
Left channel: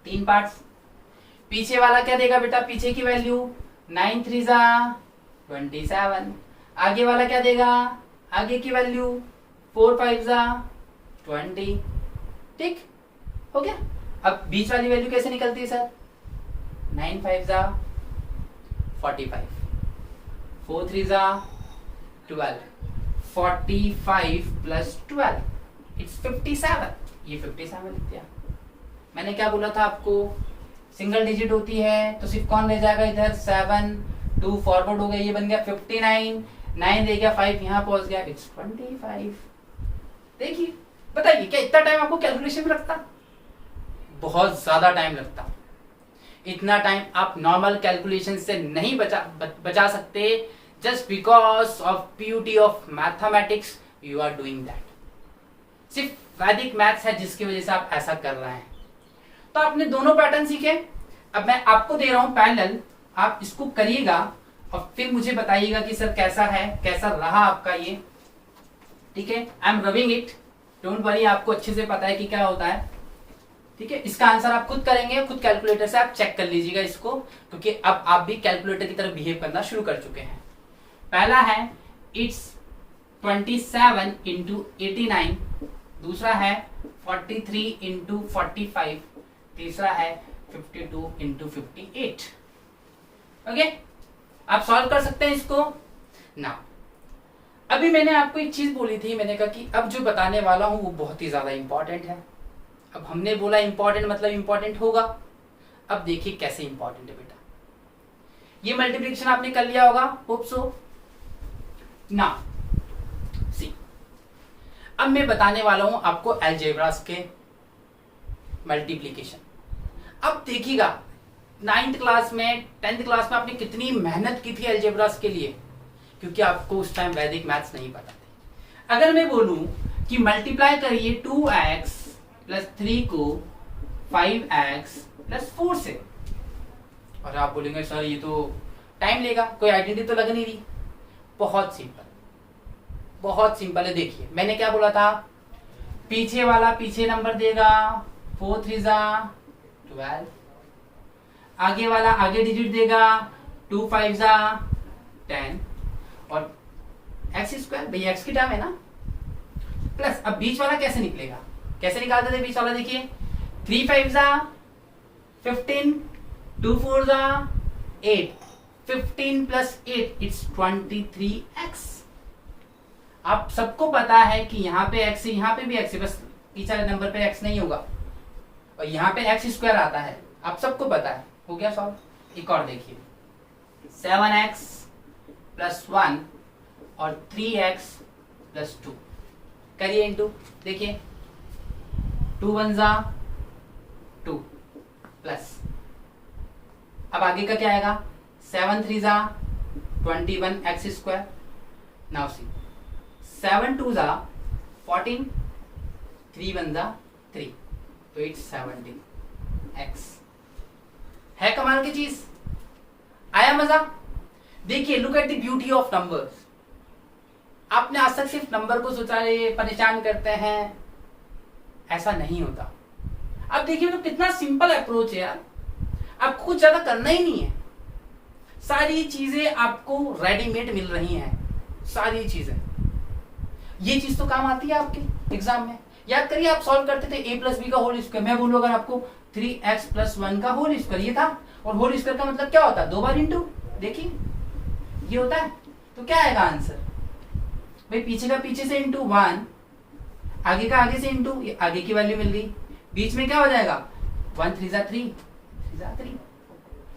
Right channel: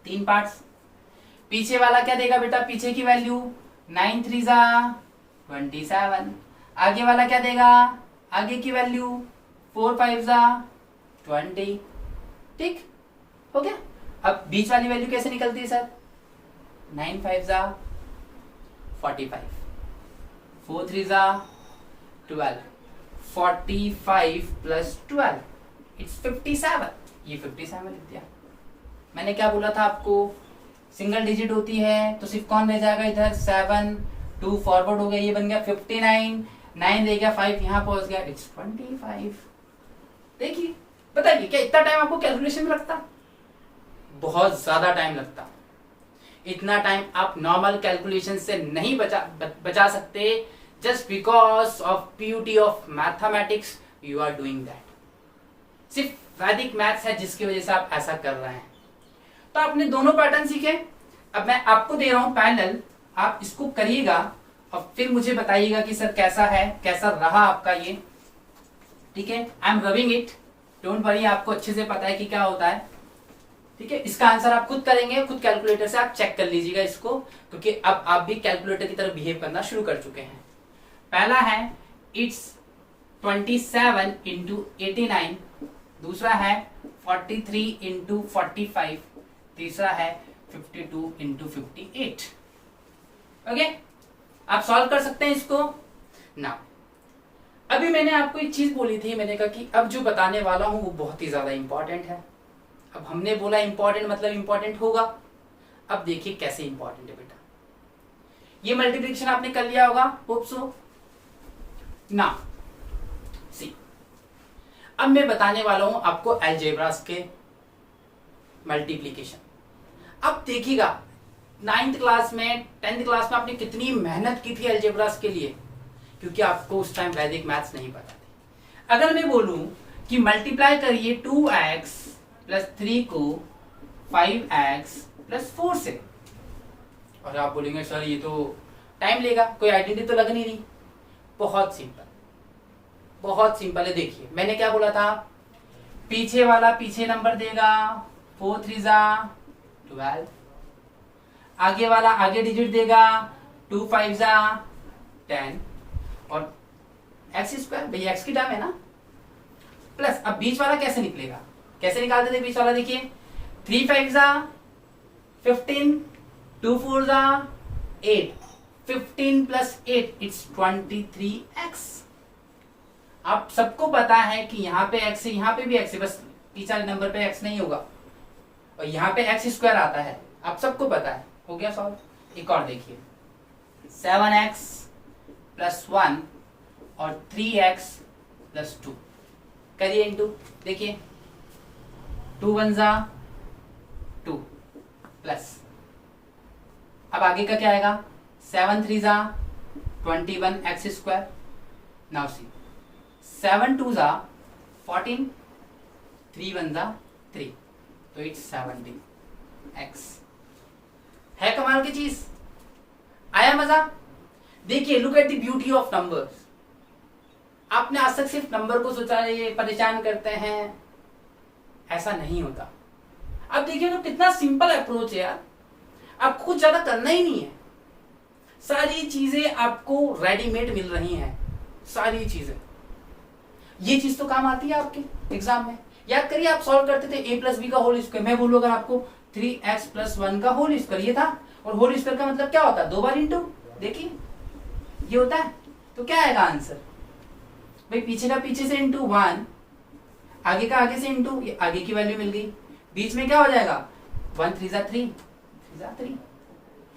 3 पार्ट्स। पीछे वाला क्या देगा बेटा? पीछे की वैल्यू 9 3 जा 27, आगे वाला क्या देगा? आगे की वैल्यू 4 5 जा 20। ठीक हो गया। अब बीच वाली वैल्यू कैसे निकलती है सर? 9 5 जा 45, 4 3 जा 12, 45 प्लस 12 इट्स 57। ये 57 लिख दिया। मैंने क्या बोला था आपको? सिंगल डिजिट होती है तो सिर्फ कौन रह जाएगा इधर? 7, 2 फॉरवर्ड हो गया, ये बन गया 59, 9 रह गया, 5 यहां पहुंच गया, इट्स 25। देखिए, बताइए क्या इतना टाइम आपको कैलकुलेशन में लगता? बहुत ज्यादा टाइम लगता। इतना टाइम आप नॉर्मल कैलकुलेशन से नहीं बचा सकते। Just because of beauty of mathematics you are doing that. सिर्फ वैदिक मैथ्स है जिसकी वजह से आप ऐसा कर रहे हैं। तो आपने दोनों पैटर्न सीखे। अब मैं आपको दे रहा हूं पैनल, आप इसको करिएगा और फिर मुझे बताइएगा कि सर कैसा है, कैसा रहा आपका ये। ठीक है, I am loving it, don't worry, आपको अच्छे से पता है कि क्या होता है। ठीक है, इसका आंसर आप खुद करेंगे, खुद कैलकुलेटर से आप चेक कर लीजिएगा इसको, क्योंकि अब आप भी कैलकुलेटर की तरह बिहेव करना शुरू कर चुके हैं। पहला है इट्स 27 इंटू 89, दूसरा है 43 इंटू 45, तीसरा है 52 इंटू 58। ओके, आप सॉल्व कर सकते हैं इसको ना। अभी मैंने आपको एक चीज बोली थी, मैंने कहा कि अब जो बताने वाला हूं वो बहुत ही ज्यादा इंपॉर्टेंट है। अब हमने बोला इंपॉर्टेंट मतलब इंपॉर्टेंट होगा। अब देखिए कैसे इंपॉर्टेंट है बेटा। ये मल्टीप्लिकेशन आपने कर लिया होगा, होप सो ना। सी, अब मैं बताने वाला हूं आपको अलजेब्रास के मल्टीप्लिकेशन। अब देखिएगा 9th क्लास में 10th क्लास में आपने कितनी मेहनत की थी अलजेब्रास के लिए, क्योंकि आपको उस टाइम वैदिक मैथ्स नहीं पता थे। अगर मैं बोलूं कि मल्टीप्लाई करिए 2x प्लस 3 को 5x प्लस 4 से, और आप बोलेंगे सर ये तो टाइम लेगा, कोई आइडेंटिटी तो लग नहीं रही। बहुत सिंपल, बहुत सिंपल है। देखिए मैंने क्या बोला था, पीछे वाला पीछे नंबर देगा 4 3 12, आगे वाला आगे डिजिट देगा 2 5 10, और एक्स स्क्वायर, भैया एक्स की टर्म है ना, प्लस अब बीच वाला कैसे निकलेगा, कैसे निकालते थे बीच वाला, देखिए 3 5 15, 2 4 8, 15 प्लस 8 इट्स 23x। आप सबको पता है कि यहाँ पे x है, यहाँ पे भी x है, बस पीछे वाले नंबर पे x नहीं होगा, और यहाँ पे एक्स स्क्वायर आता है, आप सबको पता है। हो गया सॉल्व। एक और देखिए 7x प्लस 1 और 3x प्लस 2 करिए इनटू, देखिए 2 1 2 प्लस, अब आगे का क्या आएगा, 7 3 21 एक्स स्क्वायर। नाउ सी 7 2 14, 3 1 3, तो इट्स 17 एक्स। है कमाल की चीज, आया मजा। देखिए look at the beauty of numbers. आपने आज तक सिर्फ नंबर को सोचा ये परेशान करते हैं, ऐसा नहीं होता। अब देखिए तो कितना सिंपल अप्रोच है यार, आपको कुछ ज्यादा करना ही नहीं है, सारी चीजें आपको रेडीमेड मिल रही हैं, सारी चीजें। ये चीज तो काम आती है आपके एग्जाम में। याद करिए आप सॉल्व करते थे a प्लस बी का होल स्क्वायर, मैं बोलूँ अगर आपको 3x प्लस 1 का होल स्क्वायर, ये था, और होल स्क्वायर का मतलब क्या होता है, 2 बार इंटू, देखिए ये होता है, तो क्या आएगा आंसर, भाई पीछे का पीछे से इंटू 1, आगे का आगे से इंटू, ये आगे की वैल्यू मिल गई, बीच में क्या हो जाएगा 1 3 3 3,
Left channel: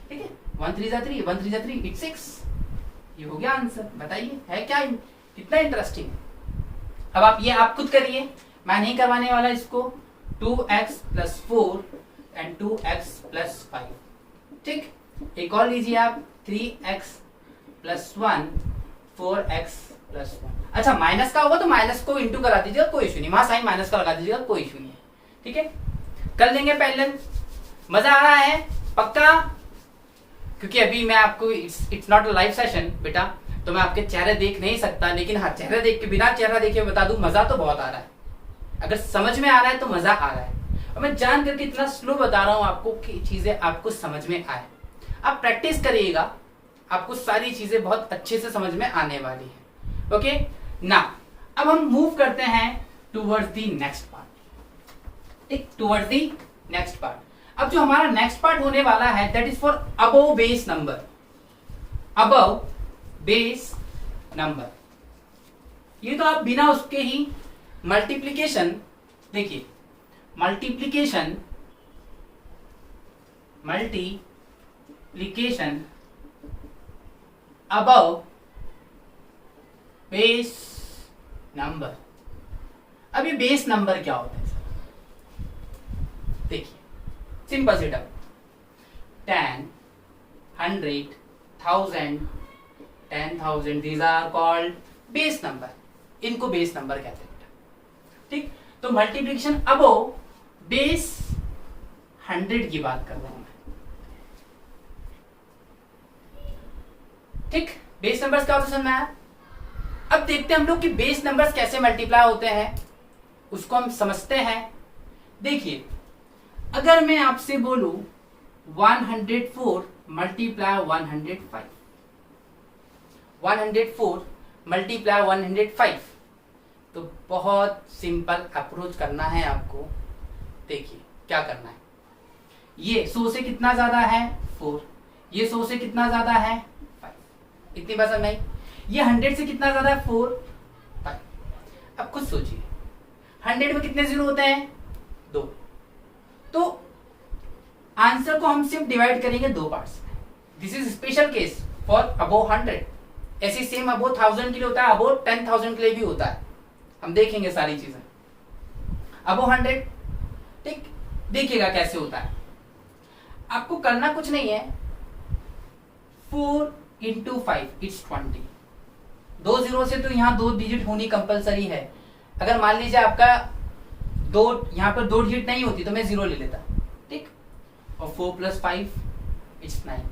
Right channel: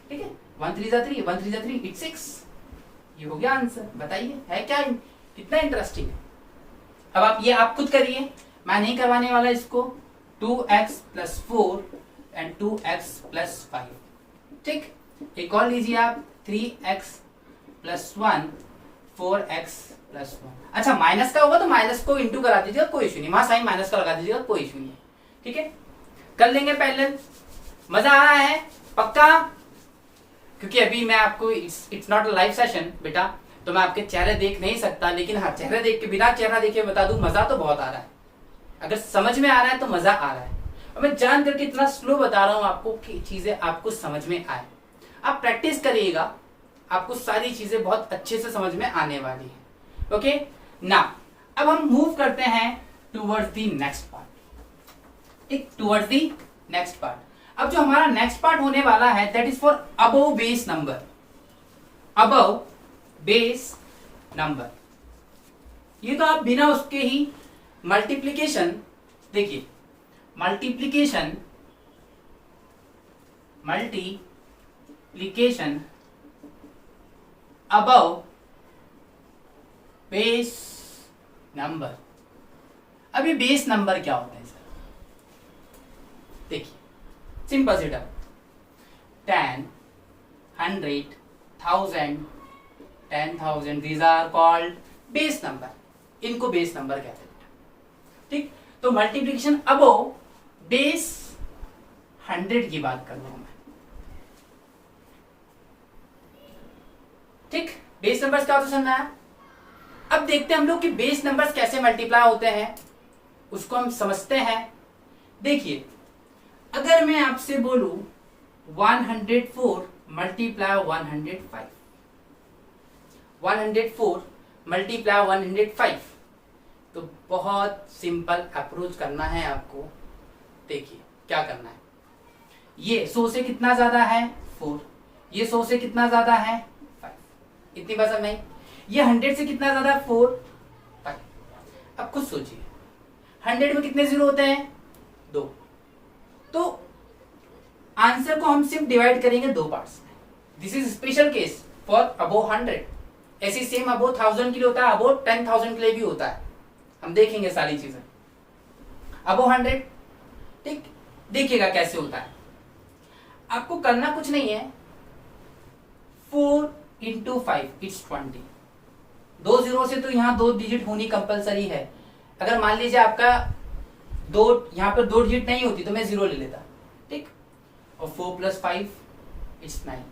ठीक है, 1 3 3 1 3 3 इट्स 6, ये हो गया आंसर। बताइए है क्या, कितना इंटरेस्टिंग है। अब आप ये आप खुद करिए, मैं नहीं करवाने वाला इसको। 2x plus 4 and 2x plus 5, ठीक। एक और लीजिए आप, 3x प्लस 1 4x प्लस 1। अच्छा माइनस का होगा तो माइनस को इंटू करा दीजिएगा, कोई इशू नहीं, वहां साइन माइनस का लगा दीजिएगा, कोई इशू नहीं है, ठीक है। कर लेंगे पैरेलल। मजा आ रहा है पक्का, क्योंकि अभी मैं आपको it's not a live session बेटा, तो मैं आपके चेहरे देख नहीं सकता, लेकिन हाँ चेहरे देख के, बिना चेहरा देखे बता दूं मजा तो बहुत आ रहा है। अगर समझ में आ रहा है तो मजा आ रहा है, और मैं जान करके इतना स्लो बता रहा हूं आपको कि चीजें आपको समझ में आए। आप प्रैक्टिस करिएगा, आपको सारी चीजें बहुत अच्छे से समझ में आने वाली है। ओके ना, अब हम मूव करते हैं टूवर्ड्स दी नेक्स्ट पार्ट, एक टूवर्ड्स दी नेक्स्ट पार्ट। अब जो हमारा नेक्स्ट पार्ट होने वाला है that is for above base number, above base number. ये तो आप बिना उसके ही मल्टीप्लीकेशन, देखिए मल्टीप्लीकेशन अबव बेस नंबर। अभी बेस नंबर क्या होता है सर, देखिए सिंपल सी term, 10 100 1000 10,000 these are called base number, इनको बेस नंबर कहते हैं, ठीक। तो मल्टीप्लिकेशन अबव बेस 100 की बात कर रहा हूं मैं, ठीक। बेस नंबर्स क्या होता है समझ में आया। अब देखते हैं हम लोग कि बेस नंबर्स कैसे मल्टीप्लाई होते हैं, उसको हम समझते हैं। देखिए अगर मैं आपसे बोलूं 104 मल्टीप्लाई 105, 104 मल्टीप्लाई 105, तो बहुत सिंपल अप्रोच करना है आपको। देखिए क्या करना है, ये 100 से कितना ज्यादा है 4, ये 100 से कितना ज्यादा है 5, इतनी बात नहीं। ये 100 से कितना ज्यादा है 4 5। अब खुद सोचिए 100 में कितने जीरो होते हैं 2, तो आंसर को हम सिर्फ डिवाइड करेंगे 2 पार्ट्स में। This is special case for above 100, ऐसी सेम अबोव 1000 के लिए होता है, अबोव 10,000 के लिए भी होता है, हम देखेंगे सारी चीजें। अबोव 100, ठीक, देखिएगा कैसे होता है। आपको करना कुछ नहीं है, 4 into 5 इट्स 20, 2 जीरो से तो यहाँ 2 डिजिट होनी कंपलसरी है। अगर मान लीजिए आपका दो यहाँ पर 2 डिजिट नहीं होती तो मैं 0 ले लेता, ठीक। और 4 + 5 इट्स 9,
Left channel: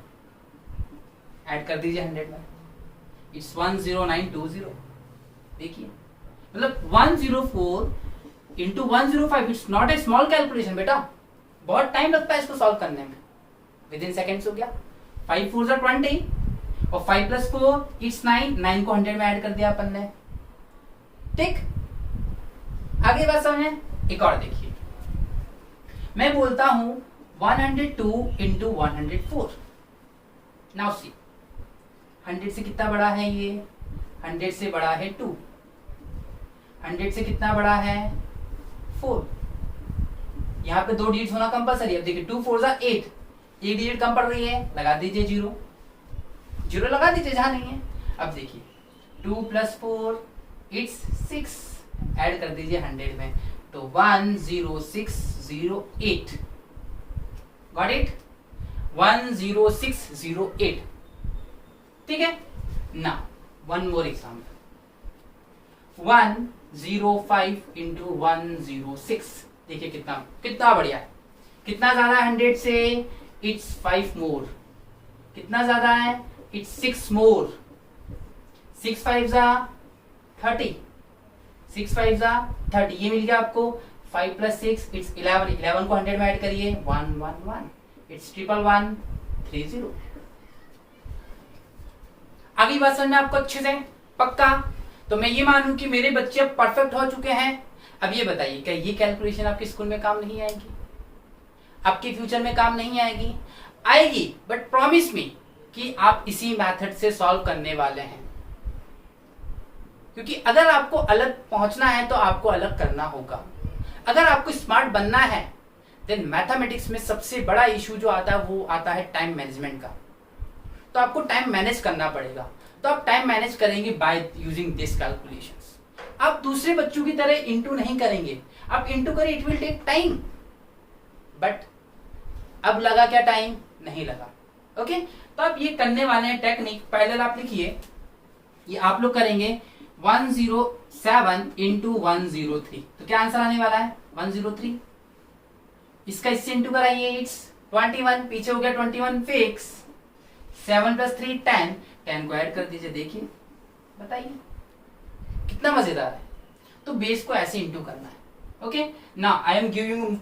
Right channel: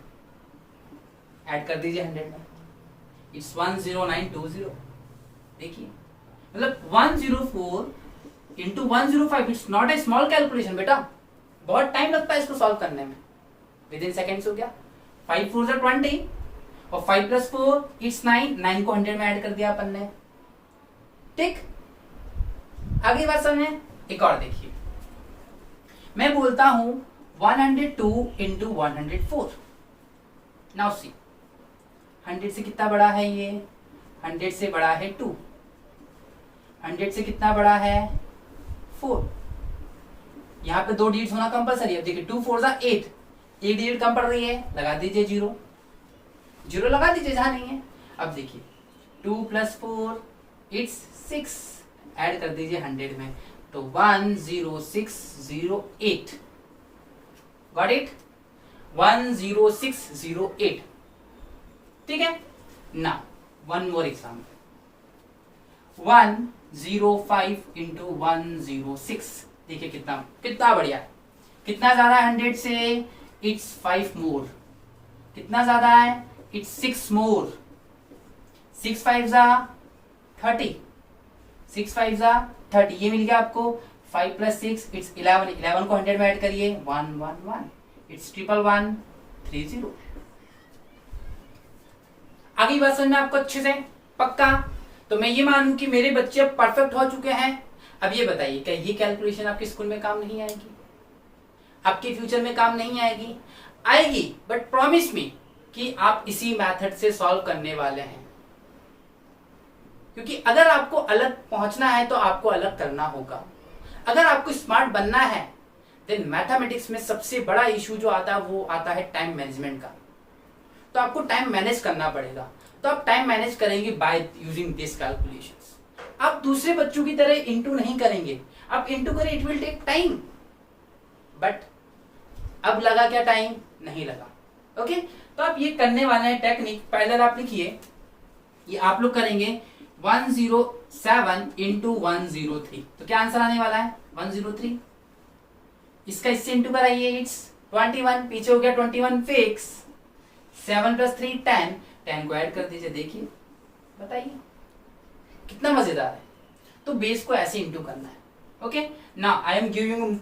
ऐड कर दीजिए 100 में, इट्स 10920। देखिए मतलब 104 into 105, it's not a small calculation बेटा, बहुत टाइम लगता है इसको सॉल्व करने में, विद इन सेकेंड्स हो गया। 5 4 20 और 5 + 4 इट्स 9, 9 को 100 में ऐड कर दिया अपन ने, ठीक। आगे बात समझे। एक और देखिए, मैं बोलता हूं 102 इंटू 104। नाउ सी, 100 से कितना बड़ा है ये, 100 से बड़ा है 2, 100 से कितना बड़ा है 4। यहाँ पे 2 डिजिट होना कंपलसरी है। अब देखिए 2 4 = 8, एक डिजिट कम पड़ रही है, लगा दीजिए 0, 0 लगा दीजिए जहां नहीं है। अब देखिए 2 + 4 इट्स 6, ऐड कर दीजिए 100 में, तो 10608। गॉट इट, 10608, ठीक है ना। One more example, 105 into 106। देखिए कितना कितना बढ़िया है, कितना ज्यादा है 100 से, इट्स 5 मोर। कितना ज्यादा है, इट्स 6 मोर। 6 5 = 30, 6 5 = 30, ये मिल गया आपको। 5 + 6 इट्स 11, 11 को 100 में ऐड करिए, 111, इट्स 1130। आगे बात समझ में आपको अच्छे से पक्का। तो मैं ये मानूं कि मेरे बच्चे अब परफेक्ट हो चुके हैं। अब ये बताइए, क्या ये कैलकुलेशन आपके स्कूल में काम नहीं आएगी, आपके फ्यूचर में काम नहीं आएगी? आएगी, बट प्रॉमिस मी कि आप इसी मेथड से सॉल्व करने वाले हैं। क्योंकि अगर आपको अलग पहुंचना है तो आपको अलग करना होगा। अगर आपको स्मार्ट बनना है देन मैथमेटिक्स में सबसे बड़ा इशू जो आता है वो आता है टाइम मैनेजमेंट का। तो आपको टाइम मैनेज करना पड़ेगा। तो आप टाइम मैनेज करेंगे बाय यूजिंग दिस कैलकुलेशंस। आप दूसरे बच्चों की तरह इंटू नहीं करेंगे, आप इंटू करें, it will take time, but अब लगा क्या टाइम? नहीं लगा। ओके, तो आप ये करने वाले हैं टेक्निक। पहले आप लिखिए, ये आप लोग करेंगे 107 इंटू 103, तो क्या आंसर आने वाला है 103। इसका इससे इंटू कराइए, इट्स 21, पीछे हो गया 21 फिक्स। 7 + 3 10, 10 को ऐड कर दीजिए। देखिए बताइए कितना मजेदार है। तो बेस को ऐसे इंटू करना है। Okay, now I am giving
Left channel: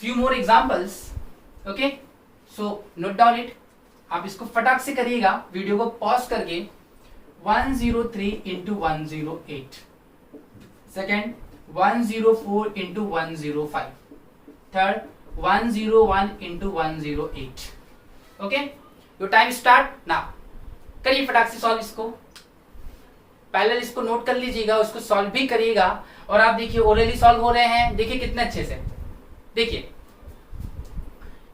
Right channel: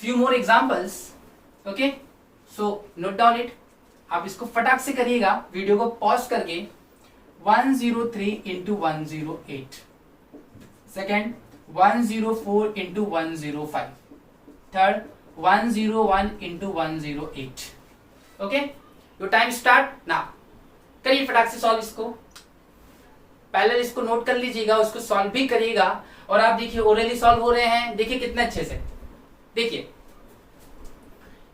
few more examples. Okay, so note down it. आप इसको फटाक से करिएगा, वीडियो को पॉज करके। 103 into 108, second 104 into 105, third 101 into 108। Okay, your time start now. करिए फटाक से सॉल्व इसको। पहले इसको नोट कर लीजिएगा, उसको सॉल्व भी करिएगा। और आप देखिए ओरली सॉल्व हो रहे हैं, देखिए कितने अच्छे से। देखिए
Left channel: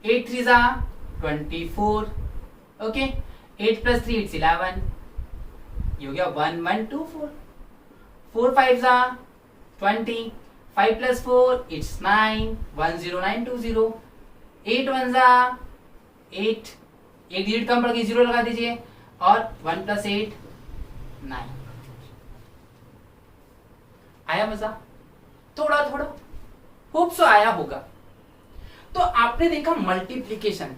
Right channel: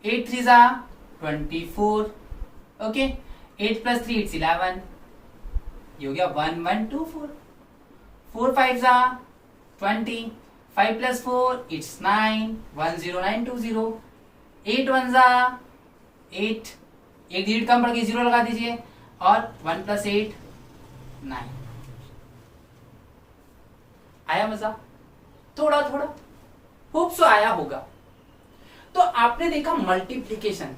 8 3 = 24। ओके, 8 + 3 इट्स 11, ये हो गया 1124। 4 5 = 20, 5 + 4 इट्स 9, 10920। 8 1 = 8, एक डिजिट कम पड़ गई, 0 लगा दीजिए। और 1 + 8 9। आया मजा? थोड़ा थोड़ा होप सो आया होगा। तो आपने देखा मल्टीप्लीकेशन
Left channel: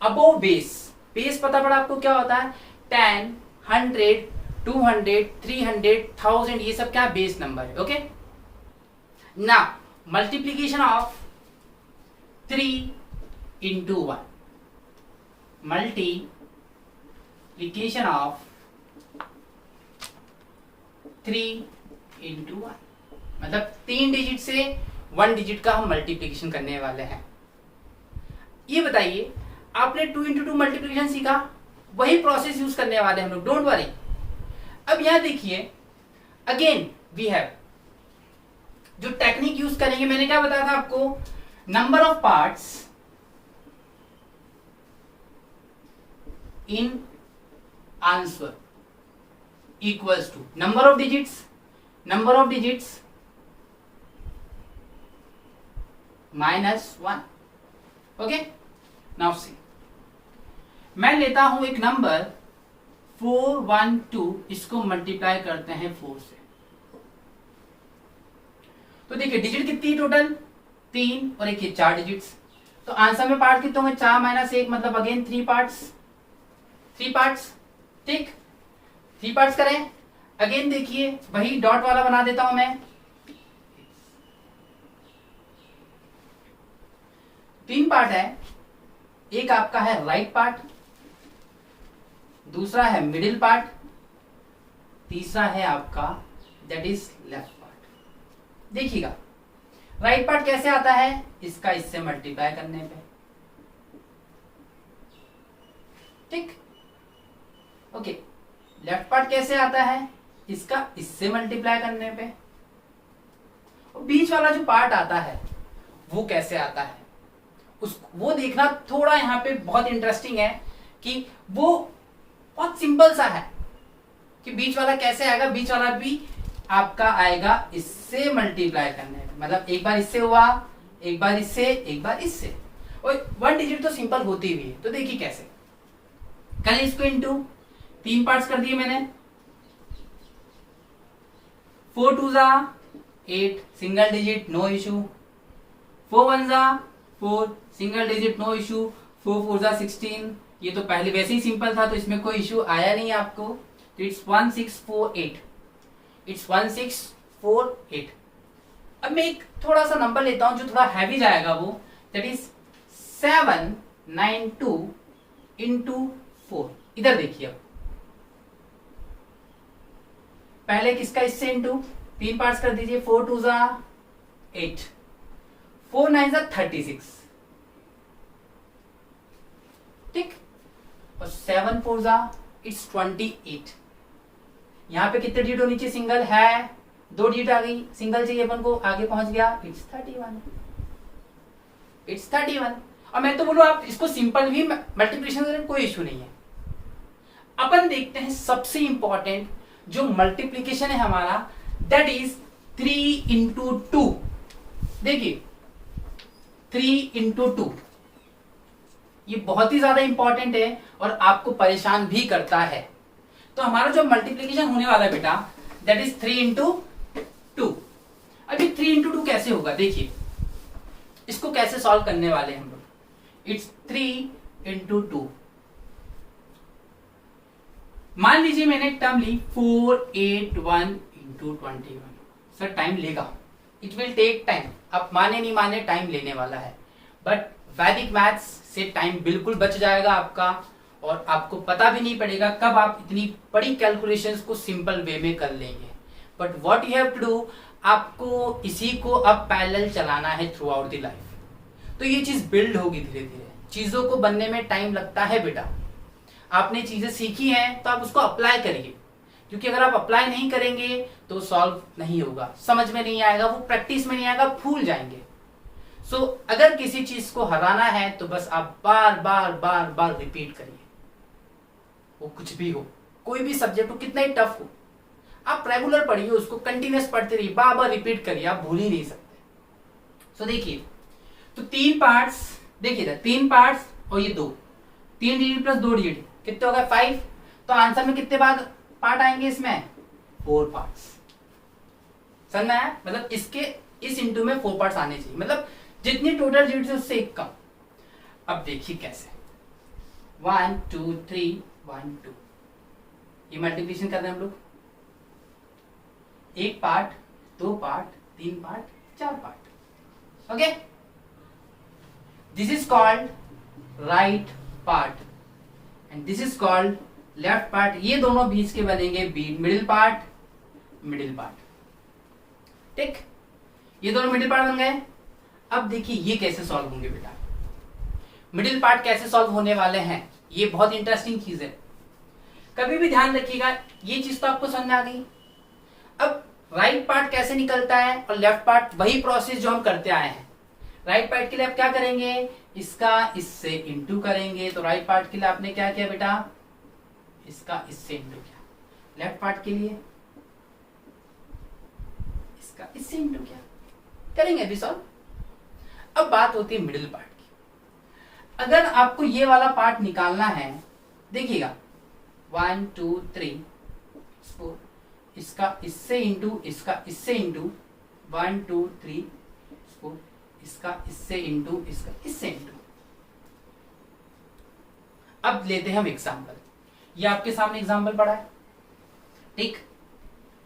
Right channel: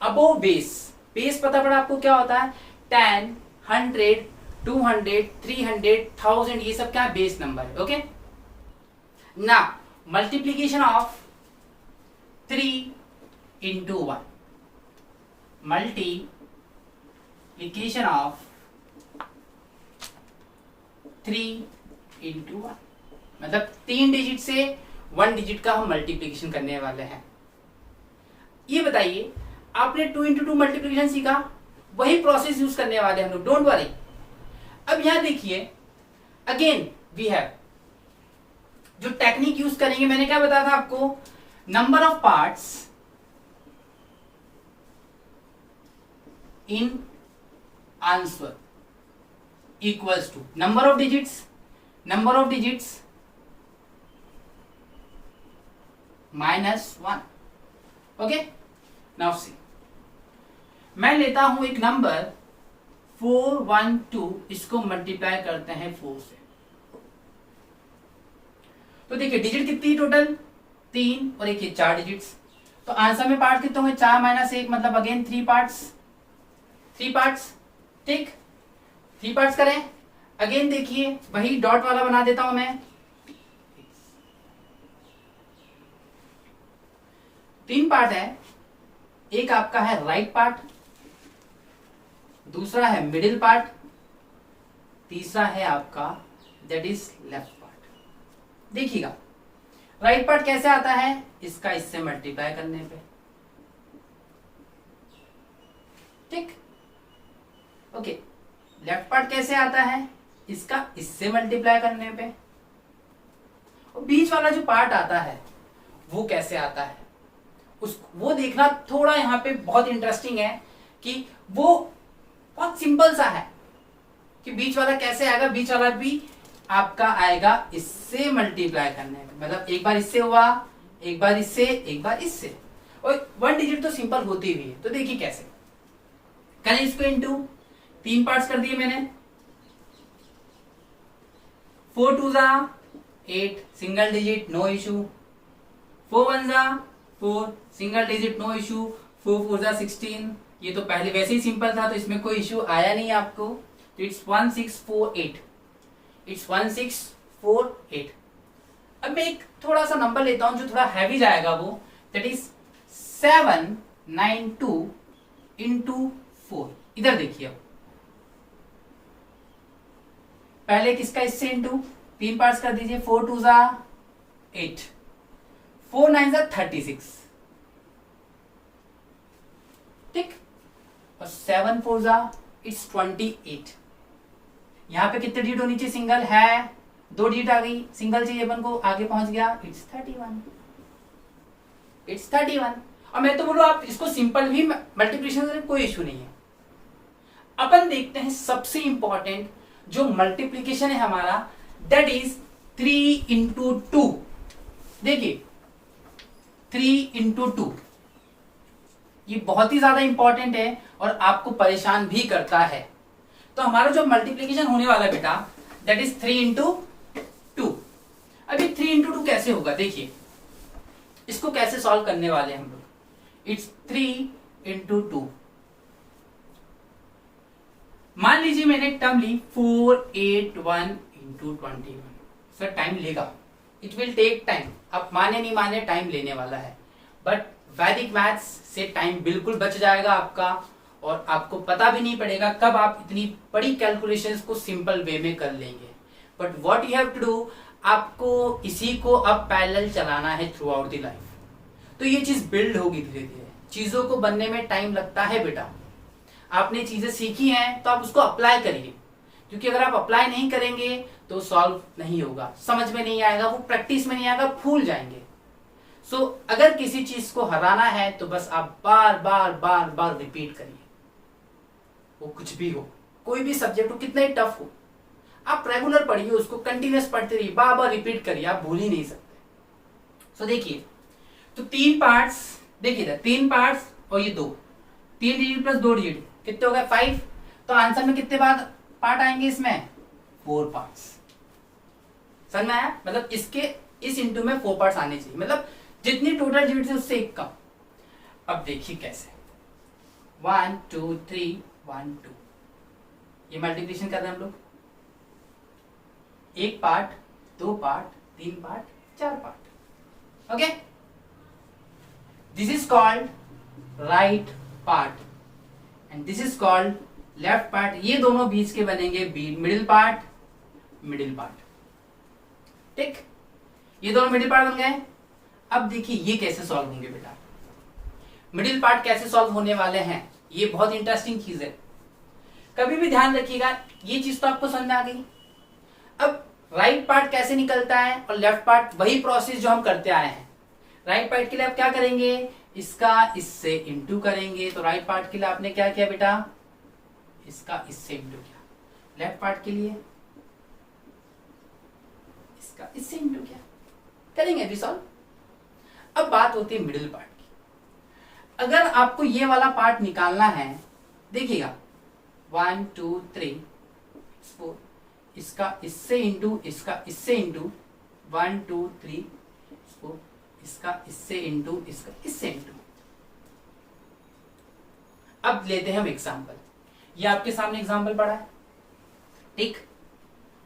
अबोव बेस। बेस पता पड़ा आपको क्या होता है? 10, 100, 200, 300, 1000, ये सब क्या बेस नंबर है। Okay, now multiplication of 3 into 1, multiplication of 3 into 1, मतलब 3 डिजिट से 1 डिजिट का हम मल्टीप्लीकेशन करने वाले हैं। ये बताइए, आपने 2 इंटू 2 मल्टीप्लीकेशन सीखा, वही प्रोसेस यूज करने वाले हैं हम लोग, डोंट वरी। अब यहां देखिए, अगेन वी हैव जो टेक्निक यूज करेंगे, मैंने क्या बताया था आपको? Number of parts in answer equals to number of digits -1। Okay, now see, मैं लेता हूं एक नंबर 412 इसको मल्टीप्लाई करते हैं 4 से, तो देखिए डिजिट कितनी टोटल 3 और एक ये 4 डिजिट्स। तो आंसर में पार्ट कितने होंगे 4 माइनस 1 मतलब अगेन 3 पार्ट्स, 3 पार्ट्स। ठीक 3 पार्ट्स करें। अगेन देखिए वही डॉट वाला बना देता हूं मैं। 3 पार्ट है, एक आपका है राइट पार्ट, दूसरा है मिडिल पार्ट, तीसरा है आपका दैट इज लेफ्ट पार्ट। देखिएगा राइट पार्ट कैसे आता है, इसका इससे मल्टीप्लाई करने पे। ठीक ओके। लेफ्ट पार्ट कैसे आता है, इसका इससे मल्टीप्लाई करने पे। और बीच वाला जो पार्ट आता है वो कैसे आता है, वो देखना थोड़ा यहाँ पे बहुत इंटरेस्टिंग है कि वो बहुत सिंपल सा है कि बीच वाला कैसे आएगा। बीच वाला भी आपका आएगा इससे मल्टीप्लाई करने पे, मतलब एक बार इससे हुआ, एक बार इससे, एक बार इससे, और 1 डिजिट तो सिंपल होती हुई है। तो देखिए कैसे करें इसको इनटू 3 पार्ट्स कर दिए मैंने। 4 2 जा 8 सिंगल डिजिट नो इशू, 4 1 जा 4 सिंगल डिजिट नो इशू, 4 4 जा 16। ये तो पहले वैसे ही सिंपल था तो इसमें कोई इशू आया नहीं आपको। तो इट्स 1648, इट्स 1648। अब मैं एक थोड़ा सा नंबर लेता हूं जो थोड़ा हैवी जाएगा, वो दैट इज 792 इंटू 4। इधर देखिए अब पहले किसका इससे इंटू 3 पार्ट्स कर दीजिए। 4 2 जा 8, 4 9 जा 36। ठीक, और 7 4 जा इट्स 28। यहां पे कितने डिजिट नीचे सिंगल है, 2 डिजिट आ गई, सिंगल चाहिए अपन को, आगे पहुंच गया इट्स 31, इट्स 31। और मैं तो बोलूं आप इसको सिंपल भी मल्टीप्लिकेशन करें कोई इश्यू नहीं है। अपन देखते हैं सबसे इंपॉर्टेंट जो मल्टीप्लीकेशन है हमारा, दैट इज 3 इंटू 2। देखिए 3 इंटू 2 ये बहुत ही ज्यादा इंपॉर्टेंट है और आपको परेशान भी करता है। तो हमारा जो मल्टीप्लीकेशन होने वाला बेटा दैट इज 3 इंटू 2। अभी 3 इंटू 2 कैसे होगा, देखिए इसको कैसे सॉल्व करने वाले हैं हम लोग। It's 3 into 2। मान लीजिए मैंने एक टर्म ली 481 इंटू 21। सर टाइम लेगा, इट विल टेक टाइम। आप माने नहीं माने टाइम लेने वाला है, बट वैदिक मैथ्स से टाइम बिल्कुल बच जाएगा आपका और आपको पता भी नहीं पड़ेगा कब आप इतनी बड़ी कैलकुलेशंस को सिंपल वे में कर लेंगे। But what you have to do, आपको इसी को अब पैरेलल चलाना है थ्रू आउट द लाइफ। तो ये चीज बिल्ड होगी धीरे धीरे। चीजों को बनने में टाइम लगता है बेटा। आपने चीजें सीखी हैं तो आप उसको अप्लाई करिए, क्योंकि अगर आप अप्लाई नहीं करेंगे तो सॉल्व नहीं होगा, समझ में नहीं आएगा, वो प्रैक्टिस में नहीं आएगा, भूल जाएंगे। सो अगर किसी चीज को हराना है तो बस आप बार बार बार बार रिपीट करिए। वो कुछ भी हो, कोई भी सब्जेक्ट हो, कितना ही टफ हो, आप रेगुलर पढ़िए उसको, कंटिन्यूअस पढ़ते रहिए, बार बार रिपीट करिए, आप भूल ही नहीं सकते। सो देखिए तो 3 पार्ट्स, देखिए 3 पार्ट्स और ये 2, 3 डिजिट प्लस 2 डिजिट कितने हो गए 5। तो आंसर में कितने बाद पार्ट आएंगे इसमें 4 पार्ट्स। समझ में आया, मतलब इसके इस इंटू में 4 पार्ट्स आने चाहिए, मतलब जितनी टोटल डिजिट है उससे एक कम। अब देखिए कैसे 1 2 3 1 2 ये मल्टीप्लिकेशन कर रहे हैं हम लोग। 1 part, 2 part, 3 part, 4 part. Okay, this is called right part and this is called left part. ये दोनों बीच के बनेंगे मिडिल पार्ट, मिडिल पार्ट। ठीक, ये दोनों मिडिल पार्ट बन गए। अब देखिए ये कैसे सॉल्व होंगे बेटा, मिडिल पार्ट कैसे सॉल्व होने वाले हैं, ये बहुत इंटरेस्टिंग चीज है। कभी भी ध्यान रखिएगा, ये चीज तो आपको समझ आ गई। अब राइट पार्ट कैसे निकलता है और लेफ्ट पार्ट, वही प्रोसेस जो हम करते आए हैं। राइट पार्ट के लिए आप क्या करेंगे, इसका इससे इंटू करेंगे। तो राइट पार्ट के लिए आपने क्या किया बेटा, इसका इससे इंटू किया। लेफ्ट पार्ट के लिए इसका इससे इंटू किया। करेंगे अभी सॉल्व। अब बात होती है मिडिल पार्ट की। अगर आपको ये वाला पार्ट निकालना है, देखिएगा 1 2 3 4, इसका इससे इंटू, इसका इससे इंटू, 1 2 3 4, इसका इससे इंटू, इसका इससे इंटू। अब लेते हैं हम एग्जाम्पल। ये आपके सामने एग्जाम्पल पड़ा है, ठीक,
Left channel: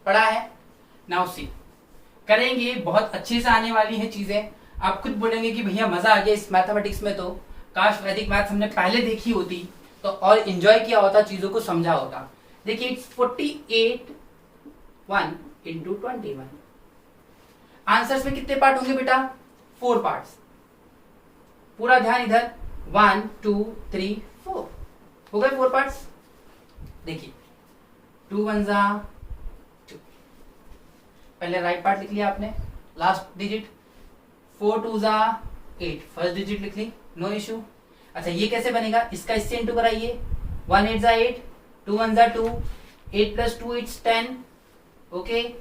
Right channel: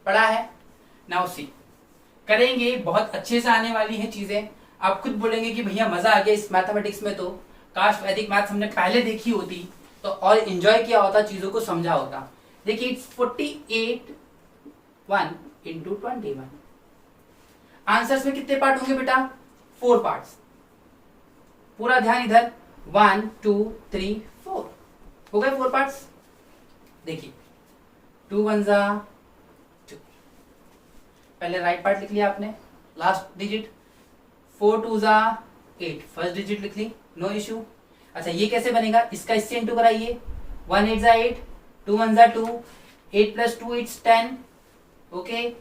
पड़ा है। नाउ सी, करेंगे, बहुत अच्छे से आने वाली है चीजें। आप खुद बोलेंगे कि भैया मजा आ गया इस मैथमेटिक्स में, तो काश वैदिक मैथ्स हमने पहले देखी होती तो और एंजॉय किया होता, चीजों को समझा होता। देखिए इट्स 48 1 इंटू 21। आंसर्स में कितने पार्ट होंगे बेटा? 4 पार्ट्स। पूरा ध्यान इधर, 1 2 3 4 हो गए 4 पार्ट्स। देखिए 2 1 जा 2, पहले राइट पार्ट लिख लिया आपने, लास्ट डिजिट। 4 2 जा 8, फर्स्ट डिजिट लिख ली, नो इशू। अच्छा ये कैसे बनेगा? इसका इससे इंटू कराइए, 1 8 जा 8, 2 1 जा 2, 8 प्लस 2 इट्स 10। ओके,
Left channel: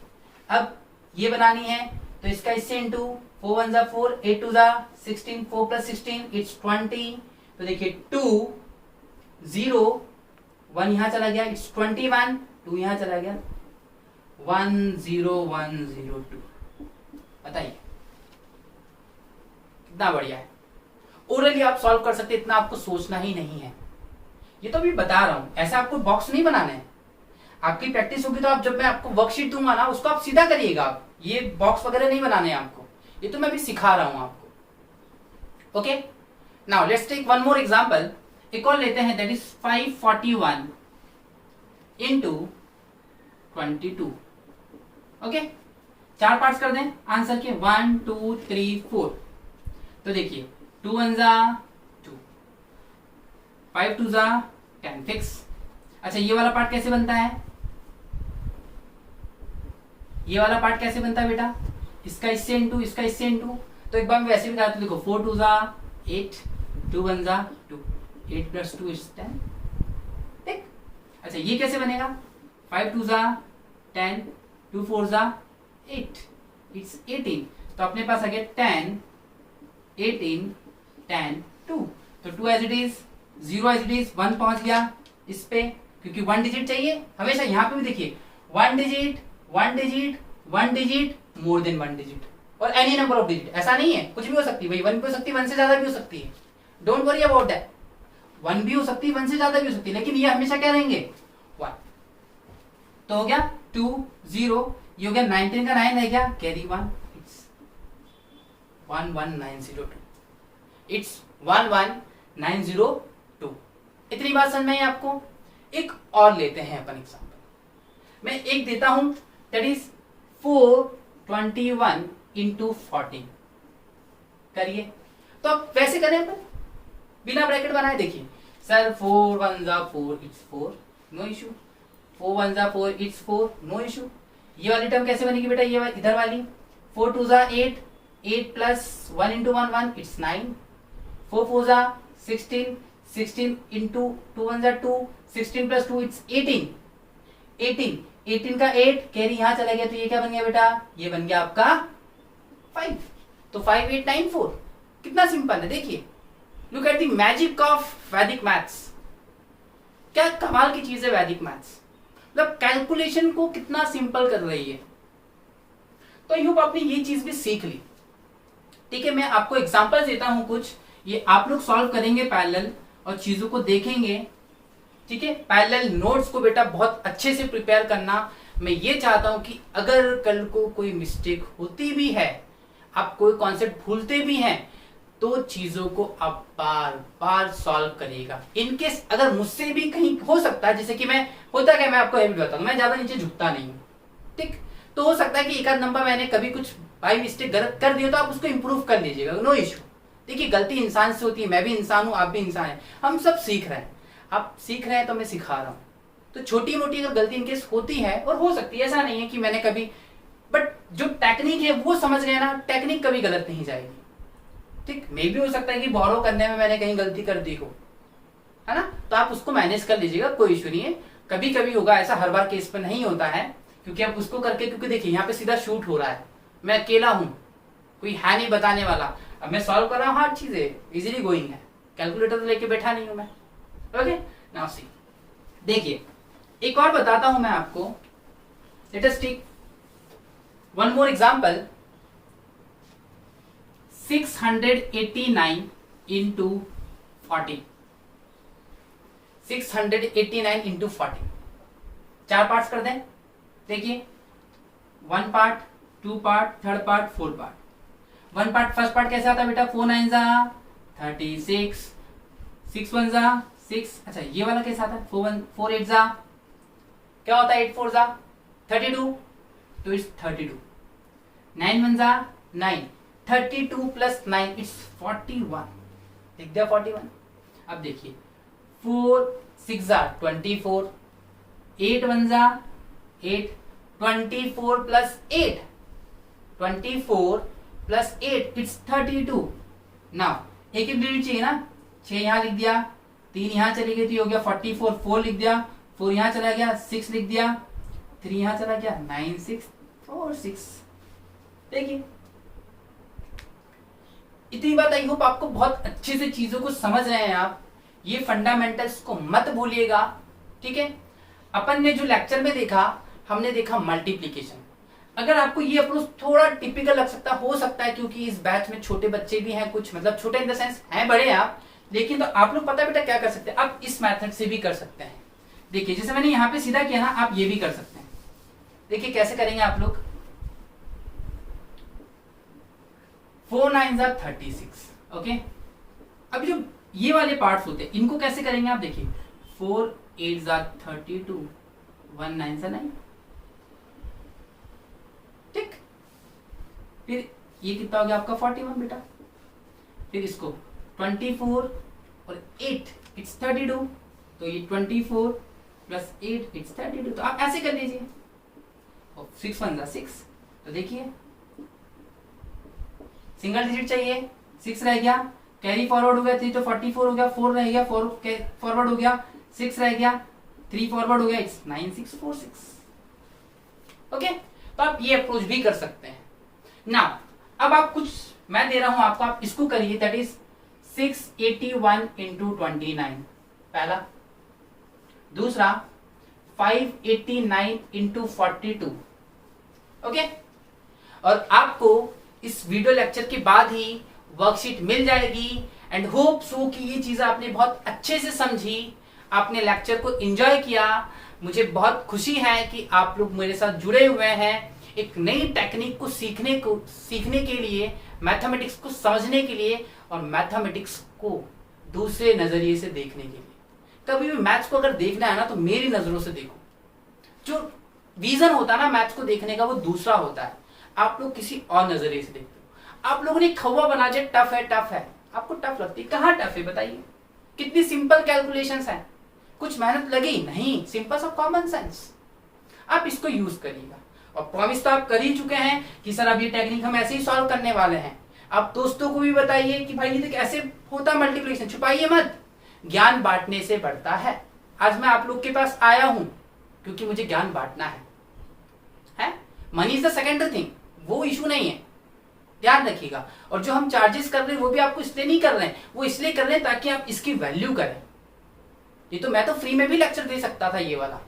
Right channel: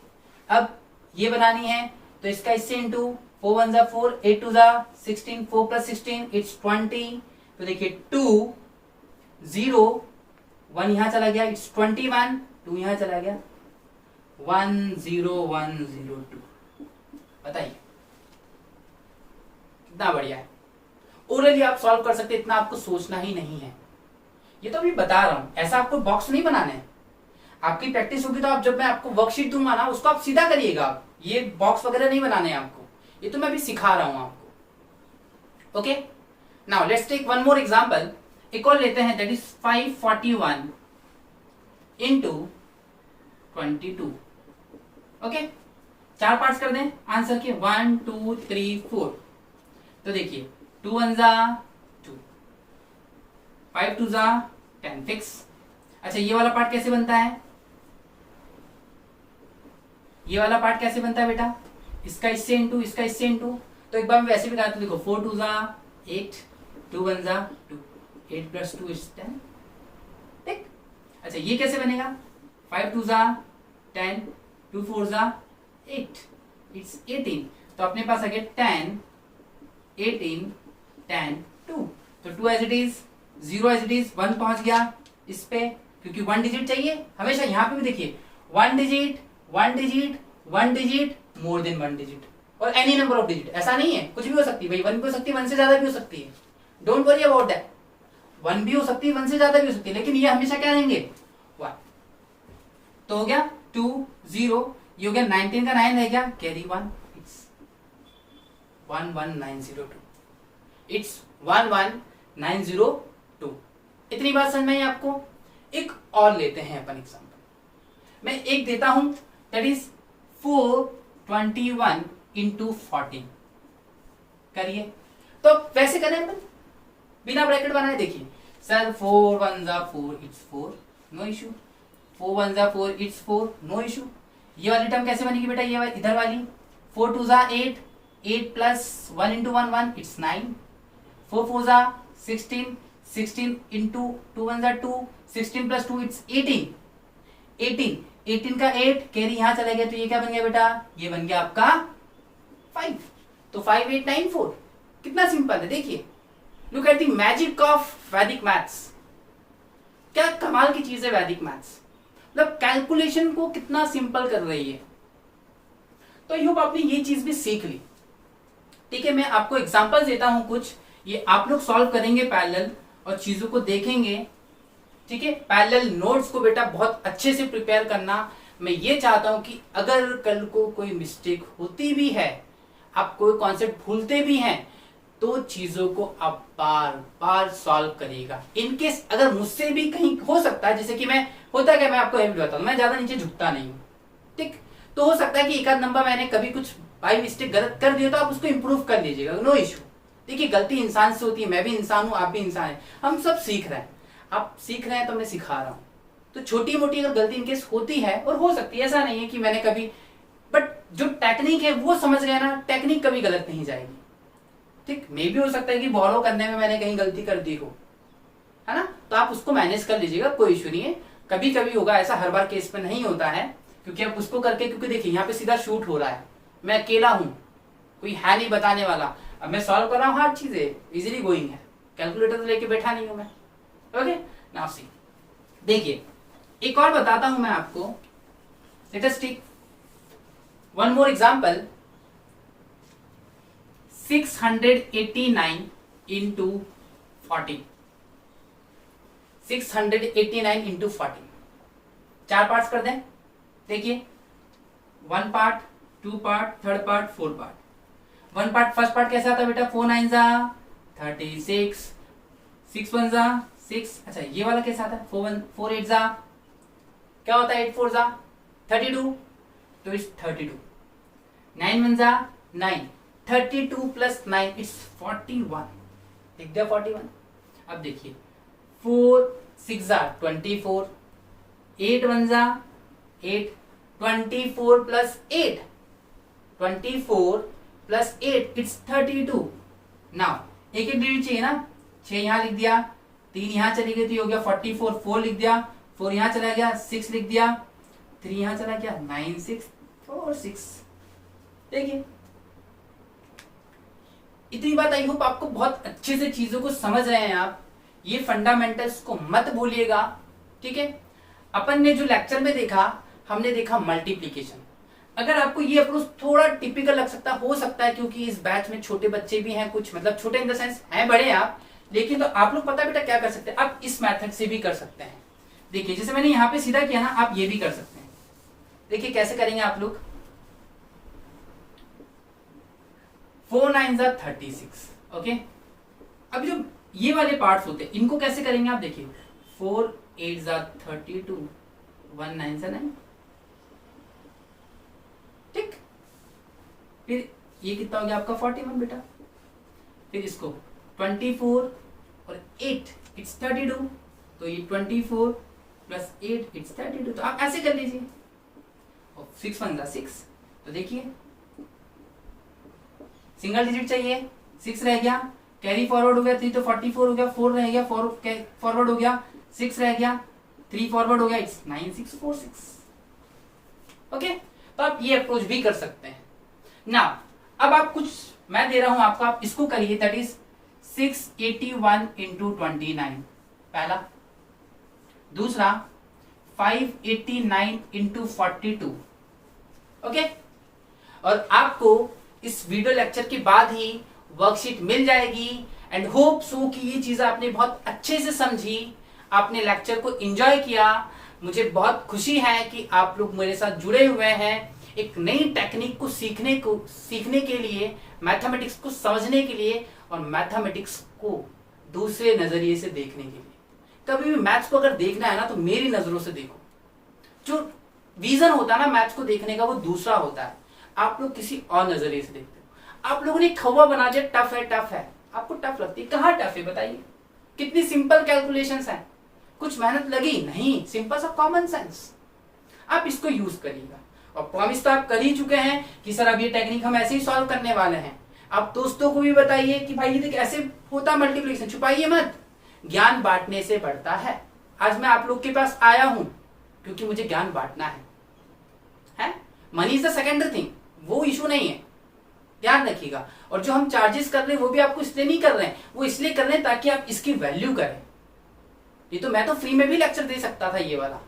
अब ये बनानी है तो इसका इससे इंटू, 4 1 जा 4, 8 2 जा 16, 4 प्लस 16 इट्स 20। तो देखिए 2 0 1 यहां चला गया, इट्स 21, 2 यहां चला गया, 1 0 1 0 2। बताइए कितना बढ़िया है। ओरली आप सॉल्व कर सकते, इतना आपको सोचना ही नहीं है। ये तो अभी बता रहा हूं, ऐसा आपको बॉक्स नहीं बनाना है। आपकी प्रैक्टिस होगी तो आप, जब मैं आपको वर्कशीट दूंगा ना, उसको आप सीधा करिएगा। आप ये बॉक्स वगैरह नहीं बनाने हैं आपको, ये तो मैं अभी सिखा रहा हूं आपको। Okay, now let's take one more example. एक और लेते हैं, that is 541 into 22। Okay, 4 parts कर दें आंसर के, 1 2 3 4। तो देखिए 2 1 जा 2, 5 2 जा 10, फिक्स। अच्छा ये वाला पार्ट कैसे बनता है? ये वाला पार्ट कैसे बनता है बेटा? इसका इससे इंटू, इसका इससे इंटू। तो एक बार मैं वैसे भी बताता हूं, देखो 4 2 जा 8, 2 1 जा 2, 8 प्लस 2 इज 10, ठीक। अच्छा ये कैसे बनेगा? 5 2 जा 10, 2 4 जा 8, इट्स 18। तो अपने पास आ गया 10 18 10 2। तो 2 as it is, 0 as it is, 1 पहुंच गया इस पे, क्योंकि 1 डिजिट चाहिए हमेशा। यहां पे भी देखिए 1 digit 1 digit 1 digit, more than 1 digit, और एनी नंबर ऑफ डिजिट। ऐसा नहीं है, कुछ भी हो सकती है भाई, 1 भी हो सकती है, 1 से ज्यादा भी हो सकती है। डोंट वरी अबाउट दैट, 1 भी हो सकती है, 1 से ज्यादा भी हो सकती है, लेकिन ये हमेशा क्या रहेंगे? 1। तो हो गया 2 0, ये हो गया 19 का 9 रह गया, कैरी 1, इट्स 11902, इट्स 11902। इतनी बात समझ में आई आपको? एक और लेते हैं अपन एग्जांपल। मैं एक देता हूं, दैट इज 421 इंटू 40। करिए, तो वैसे करें अपन, बिना ब्रैकेट बनाए। देखिए सर 4 1 जा 4, इट्स 4, नो इशू। 4 1 जा 4, इट्स 4, नो इशू। ये वाली टर्म कैसे बनेगी बेटा? ये इधर वाली 4 2 जा 8, 8 प्लस 1 इंटू 1 1, इट्स 9। 4 4 जा 16, 16 इंटू 2 1 जा 2, 16 प्लस 2 इट्स 18, 18, 18 का 8, कैरी यहां चला गया, तो ये क्या बन गया बेटा? ये बन गया आपका 5। तो 5894। कितना सिंपल है, देखिए। Look at the magic of वैदिक मैथ्स। क्या कमाल की चीज है वैदिक मैथ्स, मतलब कैलकुलेशन को कितना सिंपल कर रही है। तो आई होप आपने ये चीज भी सीख ली। ठीक है, मैं आपको एग्जांपल देता हूं कुछ, ये आप लोग सॉल्व करेंगे पैरेलल और चीजों को देखेंगे। ठीक है, पैरेलल नोट्स को बेटा बहुत अच्छे से प्रिपेयर करना। मैं ये चाहता हूं कि अगर कल को कोई मिस्टेक होती भी है, आप कोई कॉन्सेप्ट भूलते भी हैं, तो चीजों को आप बार बार सॉल्व करिएगा। इनकेस अगर मुझसे भी कहीं हो सकता है, जैसे कि मैं होता क्या, मैं आपको हैबिट बताऊं, मैं ज्यादा नीचे झुकता नहीं हूं, ठीक। तो हो सकता है कि एक आध नंबर मैंने कभी कुछ बाई मिस्टेक गलत कर दिया, तो आप उसको इंप्रूव कर लीजिएगा, नो इशू। देखिए गलती इंसान से होती है, मैं भी इंसान हूं, आप भी इंसान है, हम सब सीख रहे हैं। आप सीख रहे हैं तो मैं सिखा रहा हूं। तो छोटी मोटी अगर गलती इनकेस होती है, और हो सकती है, ऐसा नहीं है कि मैंने कभी, बट जो टेक्निक है वो समझ गया ना, टेक्निक कभी गलत नहीं जाएगी। ठीक, मे भी हो सकता है कि बोरो करने में मैंने कहीं गलती कर दी हो, है ना, तो आप उसको मैनेज कर लीजिएगा, कोई इशू नहीं है। कभी कभी होगा ऐसा, हर बार केस पे नहीं होता है, क्योंकि आप उसको करके, क्योंकि देखिए यहाँ पे सीधा शूट हो रहा है, मैं अकेला हूं, कोई है नहीं बताने वाला। अब मैं सॉल्व कर रहा हूँ, हार्ड चीजें इजीली गोइंग है, कैलकुलेटर तो लेके बैठा नहीं हूं मैं। ओके, नाउ सी, देखिए एक और बताता हूं मैं आपको, let us take one more example. 689 into 40, 689 into 40, 4 parts कर दें। देखिए 1 part, 2 part, 3rd part, 4th part. 1 part, first part कैसा आता है बेटा, 4 9 जा 36, 6 1 जा 6। अच्छा ये वाला कैसा आता है, 4 8 जा क्या होता है, 8 4 जा 32, तो इट्स 32। 9 1 जा 9, 32 प्लस 9 इट्स 41, लिख दिया 41। अब देखिए 4 6 जा 24, 8 1 जा 8, 24 प्लस 8, 24 प्लस 8 इट्स 32। नाउ एक डिजिट चाहिए ना, 6 यहां लिख दिया, 3 यहां चली गई थी, हो गया 44, 4 लिख दिया, 4 यहां चला गया, 6 लिख दिया, 3 यहां चला गया, 9 6 4 6। देखिए इतनी बात आई होप आपको बहुत अच्छे से चीजों को समझ रहे हैं आप। ये फंडामेंटल्स को मत भूलिएगा, ठीक है। अपन ने जो लेक्चर में देखा, हमने देखा मल्टीप्लीकेशन। अगर आपको ये अप्रोच थोड़ा टिपिकल लग सकता हो सकता है, क्योंकि इस बैच में छोटे बच्चे भी हैं कुछ, मतलब छोटे इन द सेंस हैं बड़े आप, लेकिन तो आप लोग पता बेटा क्या कर सकते हैं, आप इस मेथड से भी कर सकते हैं। देखिए जैसे मैंने यहां पे सीधा किया ना, आप ये भी कर सकते हैं। देखिए कैसे करेंगे आप लोग, 4 9 जा 36, ओके। अब जो ये वाले पार्ट्स होते हैं इनको कैसे करेंगे आप, देखिए 4 8 जा 32, 1 9 जा 9, ठीक। फिर ये कितना हो गया आपका 41 बेटा। फिर इसको 24 और 8 इट्स 32, तो ये 24 प्लस 8 इट्स 32, तो आप ऐसे कर लीजिए। 6 1 जा 6, तो देखिए सिंगल डिजिट चाहिए, 6 रह गया, कैरी फॉरवर्ड हो गया 3, तो 44 हो गया, 4 रह गया, 4 फॉरवर्ड हो गया, 6 रह गया, 3 फॉरवर्ड हो गया, इट्स 9 6 4 6, ओके। तो आप ये अप्रोच भी कर सकते हैं। नाउ अब आप कुछ मैं दे रहा हूं आपको, आप इसको करिए, दैट इज 681 इंटू 29 पहला, दूसरा 589 इंटू 42, ओके। और आपको इस वीडियो लेक्चर के बाद ही वर्कशीट मिल जाएगी, एंड होप सो कि ये चीजें आपने बहुत अच्छे से समझी, आपने लेक्चर को एंजॉय किया। मुझे बहुत खुशी है कि आप लोग मेरे साथ जुड़े हुए हैं एक नई टेक्निक को सीखने के लिए, मैथमेटिक्स को समझने के लिए, और मैथमेटिक्स को दूसरे नजरिए से देखने के लिए। कभी भी मैथ्स को अगर देखना है ना, तो मेरी नजरों से देखो। जो विजन होता है ना मैथ्स को देखने का, वो दूसरा होता है, आप लोग किसी और नजरिए से देखते हो। आप लोगों ने खौवा बना दिया, टफ है टफ है, आपको टफ लगती है, कहाँ टफ है बताइए। कितनी सिंपल कैलकुलेशंस हैं, कुछ मेहनत लगी नहीं, सिंपल सा कॉमन सेंस। आप इसको यूज करिएगा, और प्रॉमिस तो आप कर ही चुके हैं कि सर अब ये टेक्निक हम ऐसे ही सॉल्व करने वाले हैं। आप दोस्तों को भी बताइए कि भाई ये देख ऐसे होता मल्टीप्लिकेशन, छुपाइए मत, ज्ञान बांटने से बढ़ता है। आज मैं आप लोग के पास आया हूं क्योंकि मुझे ज्ञान बांटना है? Money is the secondary thing, वो इशू नहीं है, ध्यान रखिएगा। और जो हम चार्जेस कर रहे हैं वो भी आपको इसलिए नहीं कर रहे हैं, वो इसलिए कर रहे हैं ताकि आप इसकी वैल्यू करें। ये तो मैं तो फ्री में भी लेक्चर दे सकता था ये वाला।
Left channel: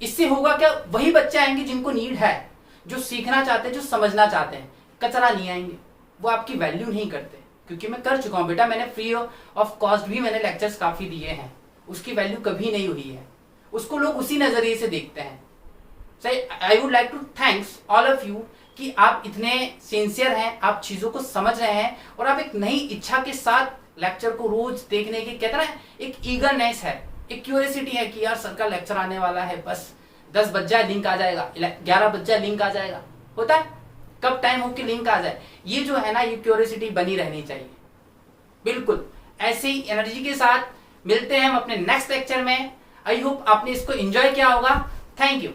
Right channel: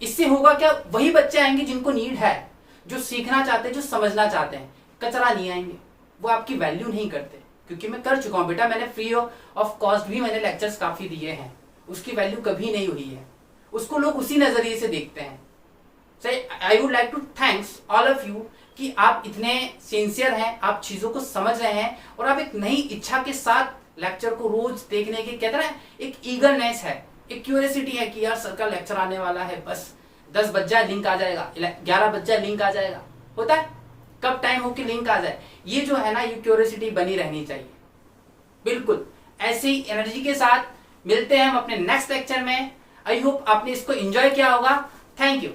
इससे होगा क्या, वही बच्चे आएंगे जिनको नीड है, जो सीखना चाहते हैं, जो समझना चाहते हैं, कचरा नहीं आएंगे, वो आपकी वैल्यू नहीं करते। क्योंकि मैं कर चुका हूं बेटा, मैंने फ्री ऑफ कॉस्ट भी मैंने लेक्चर्स काफी दिए हैं, उसकी वैल्यू कभी नहीं हुई है, उसको लोग उसी नजरिए से देखते हैं। I would like to thanks all of you कि आप इतने सिंसियर हैं, आप चीजों को समझ रहे हैं, और आप एक नई इच्छा के साथ लेक्चर को रोज देखने की, कहते हैं एक ईगरनेस है, एक क्यूरियोसिटी है कि यार सर का लेक्चर आने वाला है, बस 10 बज जाए लिंक आ जाएगा, 11 बज जाए लिंक आ जाएगा, होता है कब टाइम हो कि लिंक आ जाए। ये जो है ना, ये क्यूरियोसिटी बनी रहनी चाहिए। बिल्कुल ऐसे ही एनर्जी के साथ मिलते हैं हम अपने नेक्स्ट लेक्चर में। आई होप आपने इसको एंजॉय किया होगा। Thank you.